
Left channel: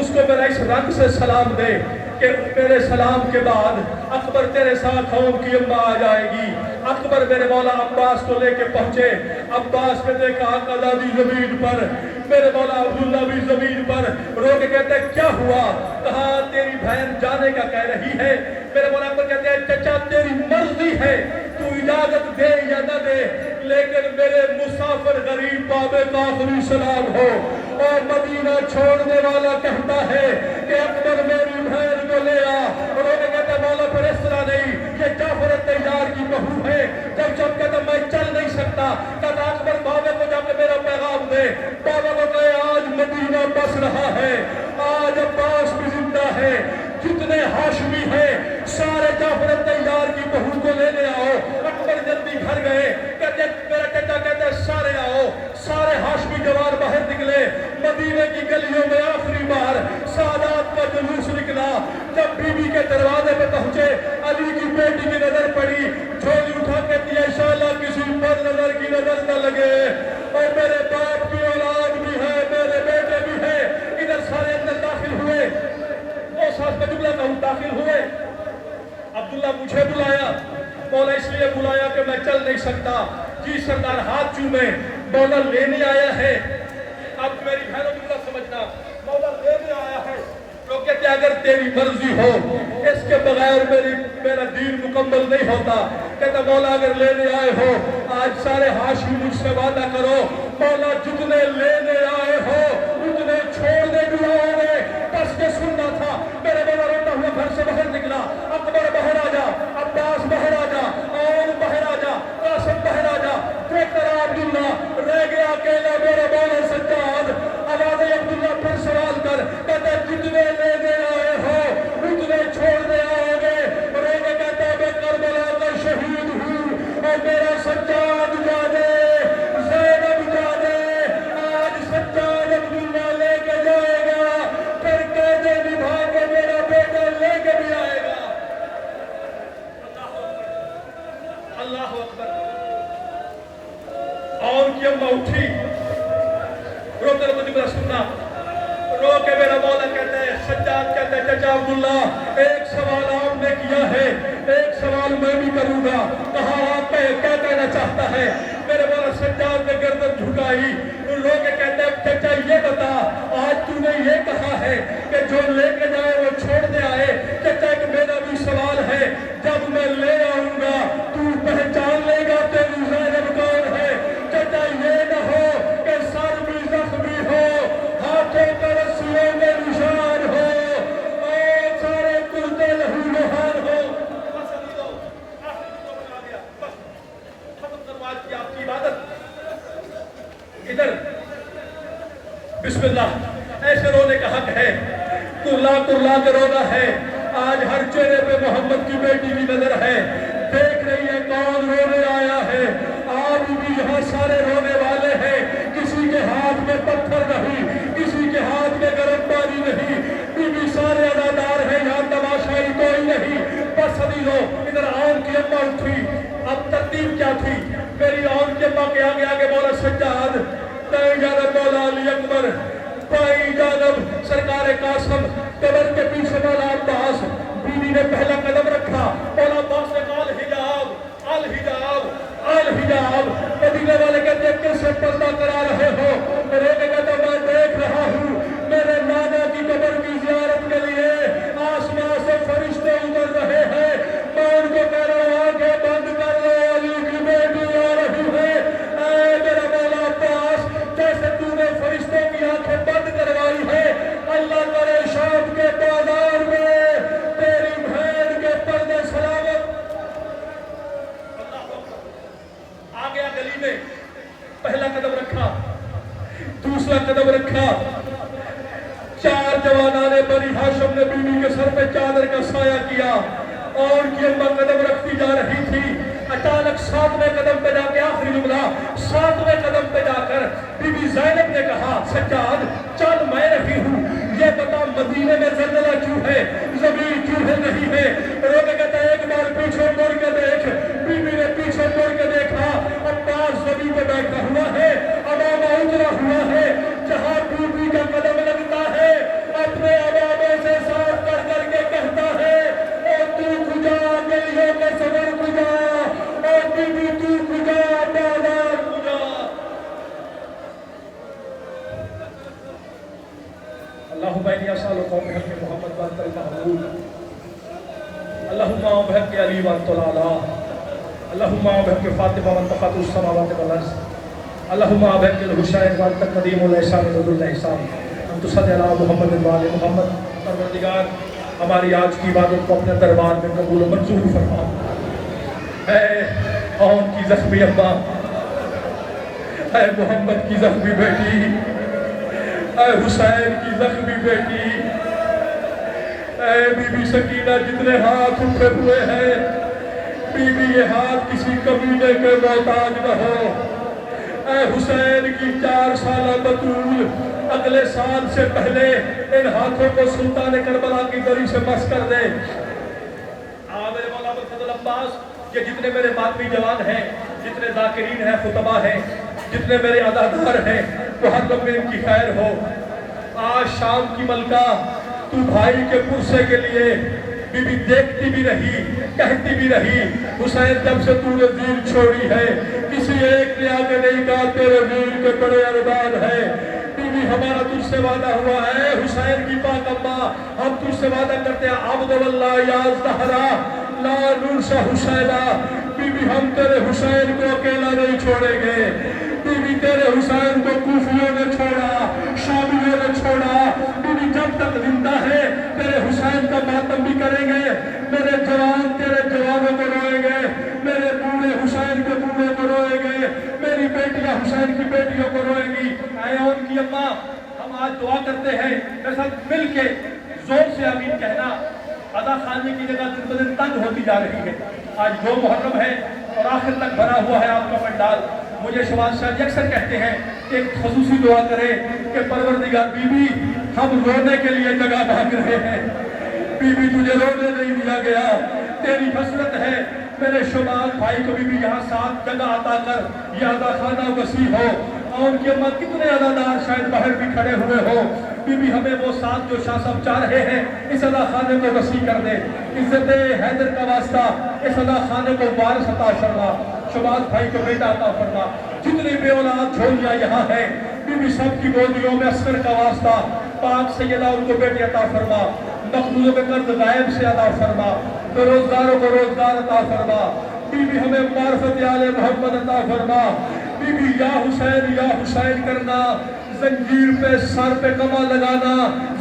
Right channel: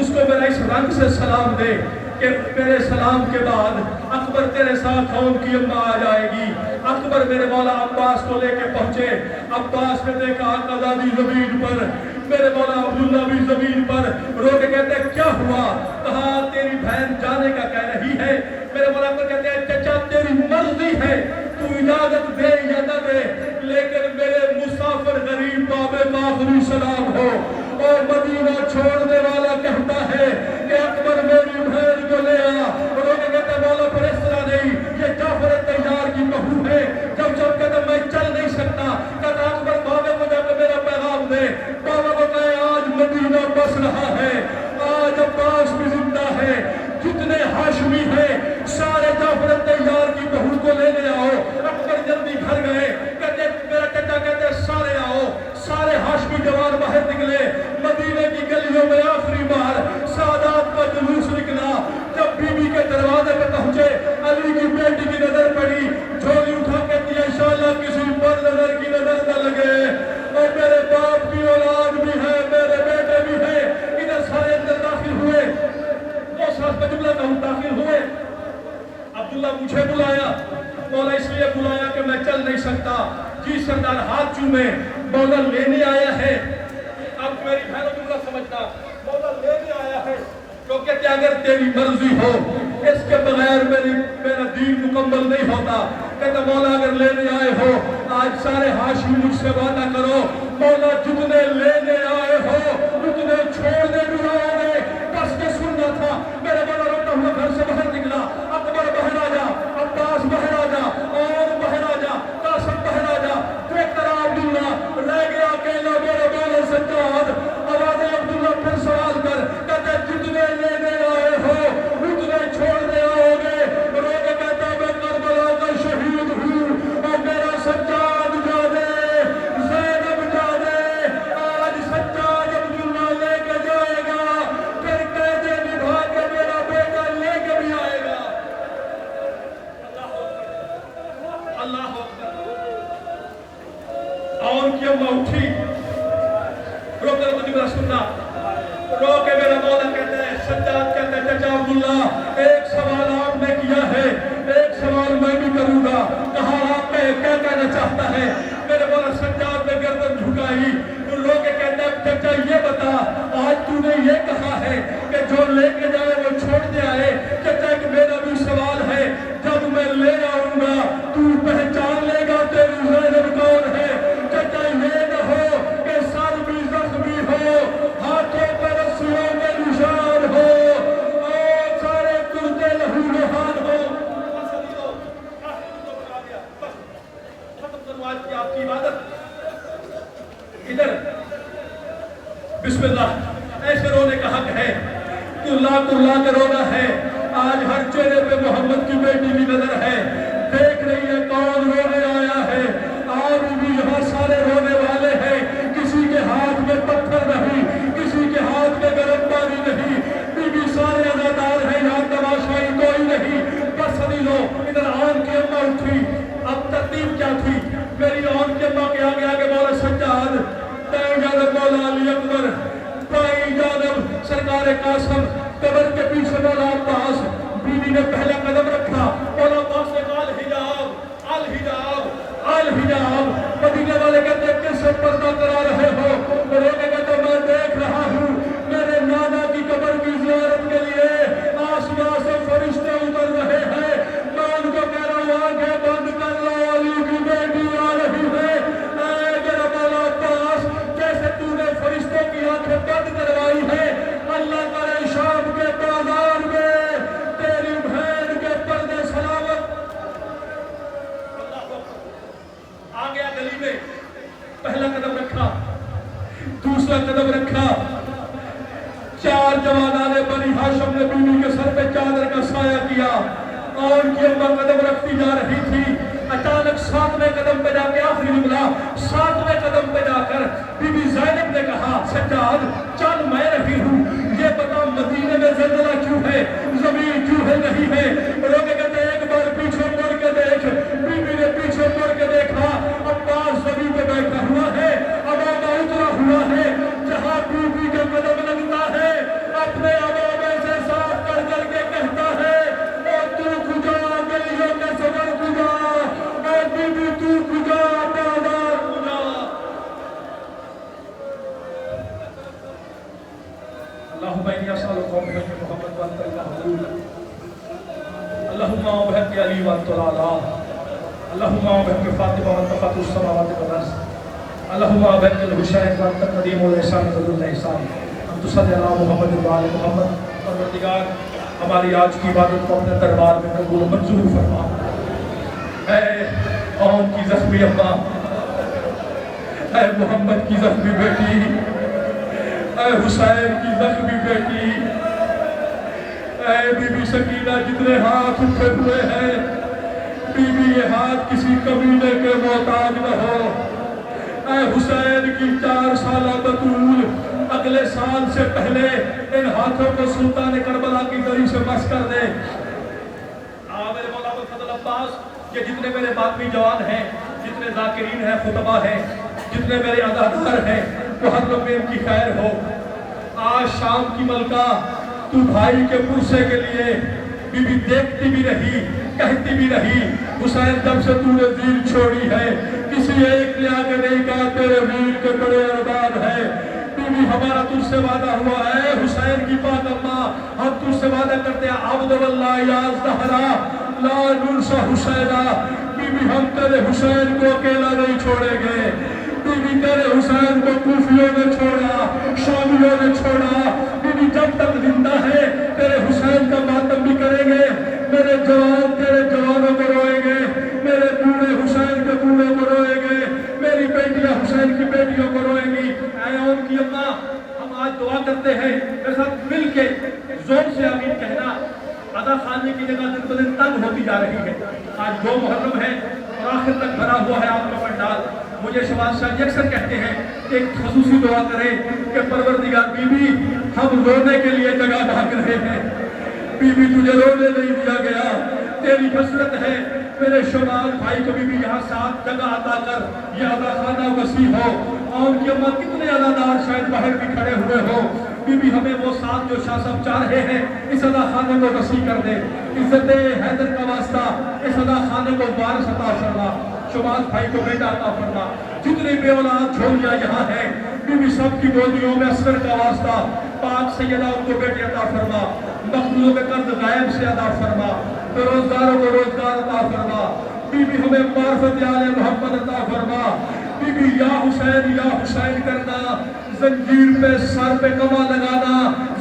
اس کو میرا اس رنگ سے سلام دے کہ میرے سلام کے بعد اکبر تیرے ساتھ اون کی اماں آ جائے گی. اکبر میرے مولا عباس کو لے کے پہنچے. عباس نے دیکھا قضا زمین پر میرے مولا عبداللہ بھی زمین پر رو کے کہتے ہیں کیا ہوا؟ کہا تیری بہن جانے کا کہہ رہی ہے. میرے مولا کو کہتے ہیں چچا تیری مرضی ہے تو اجازت دے یا نہ دے لیکن میرے مسافر غریب باب آخری سلام ہو. اور مدینہ چھوڑنے والا کہتا ہے کہ اکبر میری بہن کو لے آ. اور وہ کہتے ہیں مولا پھر اس طرح نہیں یہ جعفر تیار کی بہو ہے. جب کہتے ہیں میں چل نہیں سکتا کہتا اکبر بابے کو جا کے میرا پیغام دے. بابا کو کہے آج مدینہ بس رہا ہے آج عباس بھی زندہ ہے جتنے ہاشمی ہیں سارے جعفر تیار کی بہو کو لینے آؤ. اکبر جلدی گھر گئے کہتے میرا چچا کہتے سارے آؤ. سارے ہاشمی جوان باہر نکلے. مدینے کی گلیوں میں آخری بار سادات کا جلوس نکلا. جب بی بی کے دروازے پہ پہنچے علی کی بیٹی کی نظر پڑی جھولی اٹھا کے دیا انشاءاللہ کسی بد نظر کی نظر نہ لگے. اور میرے باپ کی اولاد بھی ہے میرے بیٹے بھی ہیں. ادھر سارے اندر داخل ہوئے. دو ساتھ میں جملہ کہوں داخل ہوئے. عبداللہ مجھے بلایا مولا اس لیے بلایا کہ میں چل نہیں سکتا. جی سردار ہاتھ چومے مولا لینے آیا ہے. اب میری بہنوں جملہ سمجھنا مولا لینے آیا ہے کیونکہ کہ اگر تیری مرضی ہو اس کے بغیر میرا دین مکمل نہیں ہوتا. کہتا مولا اگر لینے آئے ہو آج سارے ہاشمی مجھ سے وعدہ کرو مولا جتنے لینے آئے ہو اتنے چھوڑنے بھی آؤ گے. بس کے سننا تھا. میرے مولا روتا ہوا گھر سے باہر نکلا. اکبر باہر آ جا, عباس باہر آ جا, اور باہر آ جا, قاسم باہر آ جا. دیکھتا رہا عبداللہ رہ گیا اکیلا میرا مولا سجاد. آواز عبداللہ پھر سوال کر کہتا جتنے لینے آئے ہو اتنے چھوڑنے آؤ گے. رو کے کہتا میں کربلا کا شہید ہوں اور میرا سجاد جا دے زینب جا دے. آج سجاد عبداللہ لے کے جائے گا پھر قیدے نبھا کے میرا بیٹا لے کے بھی آئے گا. اللہ اکبر. اور کی اماں اٹھی روتے روتے جملہ سننا رو کے میرا مولا کہتے ہیں سجاد کہتے ہیں چچا عبداللہ ایک سوال آپ نے کیا ہے ایک سوال میں بھی کروں گا. کہا آپ کیا کہنا چاہتا ہے؟ میرے مولا سجاد نے گردن جھکائی. رو کے کہتے ہیں چچا یہ بتا آج تو نے یہ کہا ہے کہ جو لے کے جائے وہ چھوڑنے آئے. چچا ایک میرا بھی سوال ہے جب میں لے آؤں گا تو پہچان لے گا تیری زینب کون ہے؟ چچا یہ نہ ہو کہ سر بھی زخمی ہو ہاتھوں پر رسیوں میں نشان ہو اور سارے کرتے لہو لہان ہو. آپ کی عبادت ادھر بسم اللہ ایسے رونے کا حق ہے. کرلا کے رونا ہے. آج ہر چہرے پہ محمد کی بیٹی کی نظر ہے. دیکھ رہی ہے کون رونے آیا ہے. آج بھی یہاں سارے رونے والے ہیں. کسی کے ہاتھ میں پتھر نہیں کسی کے ہاتھ میں گرم پانی نہیں. بی سارے ادادار ہیں یہاں تماشائی کوئی نہیں. بس سنی لو ادھر آن کی اماں اٹھی. اب ترتیب کیا تھی؟ میری آن کی اماں کے آگے آگے مولا سجاد دائیں جانب مولا علی اکبر بائیں جانب سرکار قاسم قبر کے پیچھے مولا عباس. بیوی نے پہلا قدم رکھا. مولا عباس نے الحجاب. مدینے والے کہتے ہیں کس سے پردہ کرا رہے ہو؟ رونے کہتے میں دیکھ رہا ہوں میرے نانا کی قبر کی زیارت کے لیے آسمان سے فرشتے اتر رہے ہیں. میں ان کو کہہ رہا ہوں آنکھیں بند کر لو علی کی بیٹی آ رہی ہے. اے میرا مولا عباس جیسے تو نے فرشتوں کی آنکھیں بند کروائی ہے اللہ کرے شام کے بازار میں تیری بہن کے پردے سلام یہ اماں قدم رکھتی جا رہی تھی، اچانک 7ویں قدم پہ جا کے آخری جملہ 7ویں قدم پہ جا کر بی بی زینب نے کہا سجاد چل میں رہی ہوں، یہ بتا مدینے میں زلزلہ کیوں ہے، زمین کیوں ہل رہی ہے؟ روکے کہتے ہیں ایک بار پیچھے مڑ کے دیکھ، بی بی نے پیچھے مڑ کے دیکھا، عباس زمین پہ بیٹھا ہوا ہے، عبابہ اترا ہوا ہے، جہاں بی بی کا قدم لگتا ہے اپنے عبابے سے صاف کر کے کہتا ہے او تو کجا گلیوں میں سفر کجا، او بی بی تو کجا بازار کجا۔ اللہم انی اسألک بحق محمد وانت المحبوب، اللہم بحق علی وانت العلا، اللہم بحق فاطمہ وانت فاطر السماوات والارض، اللہم بحق الحسین وانت قدیم الاحسان ذو الاحسان، ہم تصلی علی محمد وآل محمد۔ پروردگار ہماری آج کی عبادت کو اپنے دربار میں قبول منظور فرما۔ اے قوم کی زخمی اماں، اے محمد کی زخمی بیٹی، اے حسین کی زخمی بیٹی، اے بی بی سکینہ جتنے ہاتھ اٹھے ہوئے ہیں، بی بی یہ ہاتھ کسی قبیلے کے محتاج نہ ہو۔ اے حسین کی 4 سالہ بطول اگلے سال سے پہلے ان ہاتھوں کو سلطان کربلا کی دری سے مس کر دے۔ میرے مولا فضل عباس، یہ جتنے میرے مادری جوان ہیں، جتنے ذاکرین ہیں، خطبہ ہیں، جتنے میرے عزادار ہیں، محرم میں ان کی خیر ہو۔ آج شام کی ملکہ تو بھائی کے پرسے کے لیے بی بی دیکھتی بھی رہی، کہتی بھی رہی حسین جب سے تو نے دین چھوڑی ہے کسی ایک نے آگے نہیں کہا تیرے ویر کے بڑے ارباب ہے۔ بی بی ہمارا تجھ سے وعدہ ہوا ہے حسین کی پاک اماں، ہم تجھ سے وعدہ کرتے ہیں عبد واللہ یا زہرا لا ننسا حسینہ، بی بی ہم تیرے حسین کو اکیلا نہیں چھوڑیں گے۔ بی بی تیرے حسین کو کوفیوں نے چھوڑا، شامیوں نے چھوڑا، بی بی جب تک زندہ ہے تیرے حسین کا ماتم بھی کریں گے، میرے جوان تیرے جوانوں کو روئیں گے، میرے بوڑھے حسین کے بوڑھوں کو روئیں گے، میری بیٹیاں حسین کی بیٹیوں کو روئیں گی۔ اے ان کی اماں، ہم آج دعا کرتے ہیں میرے ساتھ مل کے زور سے آمین کہنا۔ عزا خانی کی جگہ دن بدن تنگ ہوتی جا رہی ہے، آج 2 محرم ہے اور آخر تک بھرا ہوا ہے آپ کا پنڈال۔ مجھے شہباز شاہ اکثر کہتے ہیں کہ ایک خصوصی دعا کریں کہ پروردگار بی بی ہم رونے کے لیے جگہ مانگ رہے ہیں، بی بی تجھے رونے نہیں دیا گیا، تیری حسرت ہے میرے شہباز بھائی کو بھی یہاں ساتھ جگہ عطا کر، یہ عزا خانہ وسیع ہو۔ قوم کی اماں کتنے عزادار شاید باہر بھی کھڑے ہوئے ہو، بی بی ہمیں وہ ساتھ جو شاہ صاحب چاہ رہے ہیں اس عزا خانے کو وسیع کر دے، عزت حیدر کا واسطہ اس عزا خانے کو وارث عطا فرما، شہباز بھائی کو بیٹا عطا فرما، جتنی بے اولاد جھولیاں یہاں ہیں بی بی سب کی گودیوں میں اصغر کا واسطہ پاک سیدہ ان کو بیٹے عطا فرما، مقبولوں کے قرض غائب سے عطا فرما، بے روزگاروں کو روزگار عطا فرما، بی بی ہمیں معرفت آل محمد عطا فرما، بی بی یا حسین کرنا، زنجیر پہ سر پہ کما لگانا،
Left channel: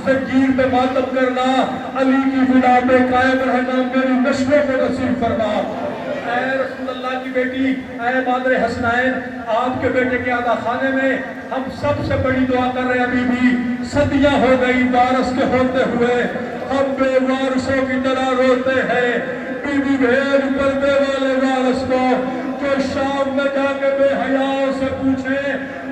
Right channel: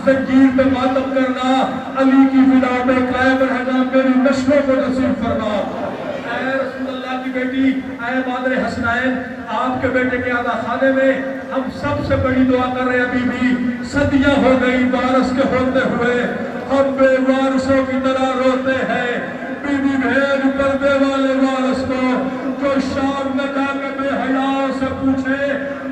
زنجیر پہ ماتم کرنا، علی کی فدا پہ قائم رہنا میری مشقوں کو نصیب فرما۔ اے رسول اللہ کی بیٹی، اے مادر حسنین، آپ کے بیٹے کے عزا خانے میں ہم سب سے بڑی دعا کر رہے ہیں بی بی صدیاں ہو گئی وارث کے ہوتے ہوئے، ہم بے وارثوں کی طرح روتے ہیں، بی بی بھیج پردے والے وارث کو جو شام میں جا کے بے حیا سے پوچھے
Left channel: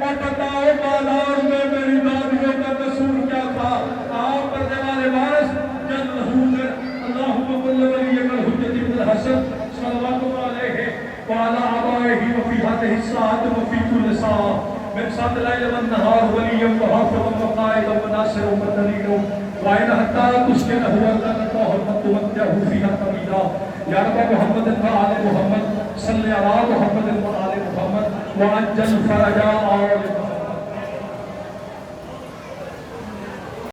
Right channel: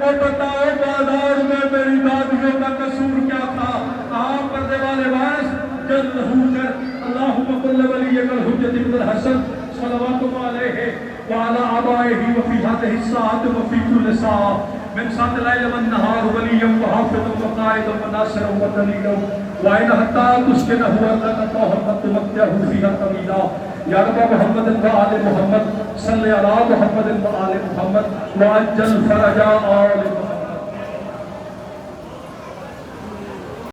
اور بتاؤ بازار میں میری دادیوں کا قصور کیا تھا۔ آپ پردے والے وارث جلد ہو کر اللہم قل ولیک الحجۃ ابن الحسن صلوات اللہ علیہ وعلی آبائہ وفی هذه الساعة وفی كل ساعة من ساعة الليل والنهار وليا وحافظا وقائدا وناصرا ودليلا وإن حتى تسكنه أنت وحرمت وقته فيها طويلا یا رب محمد وآل محمد صلی علی محمد وآل محمد وعجل فرجا آل محمد۔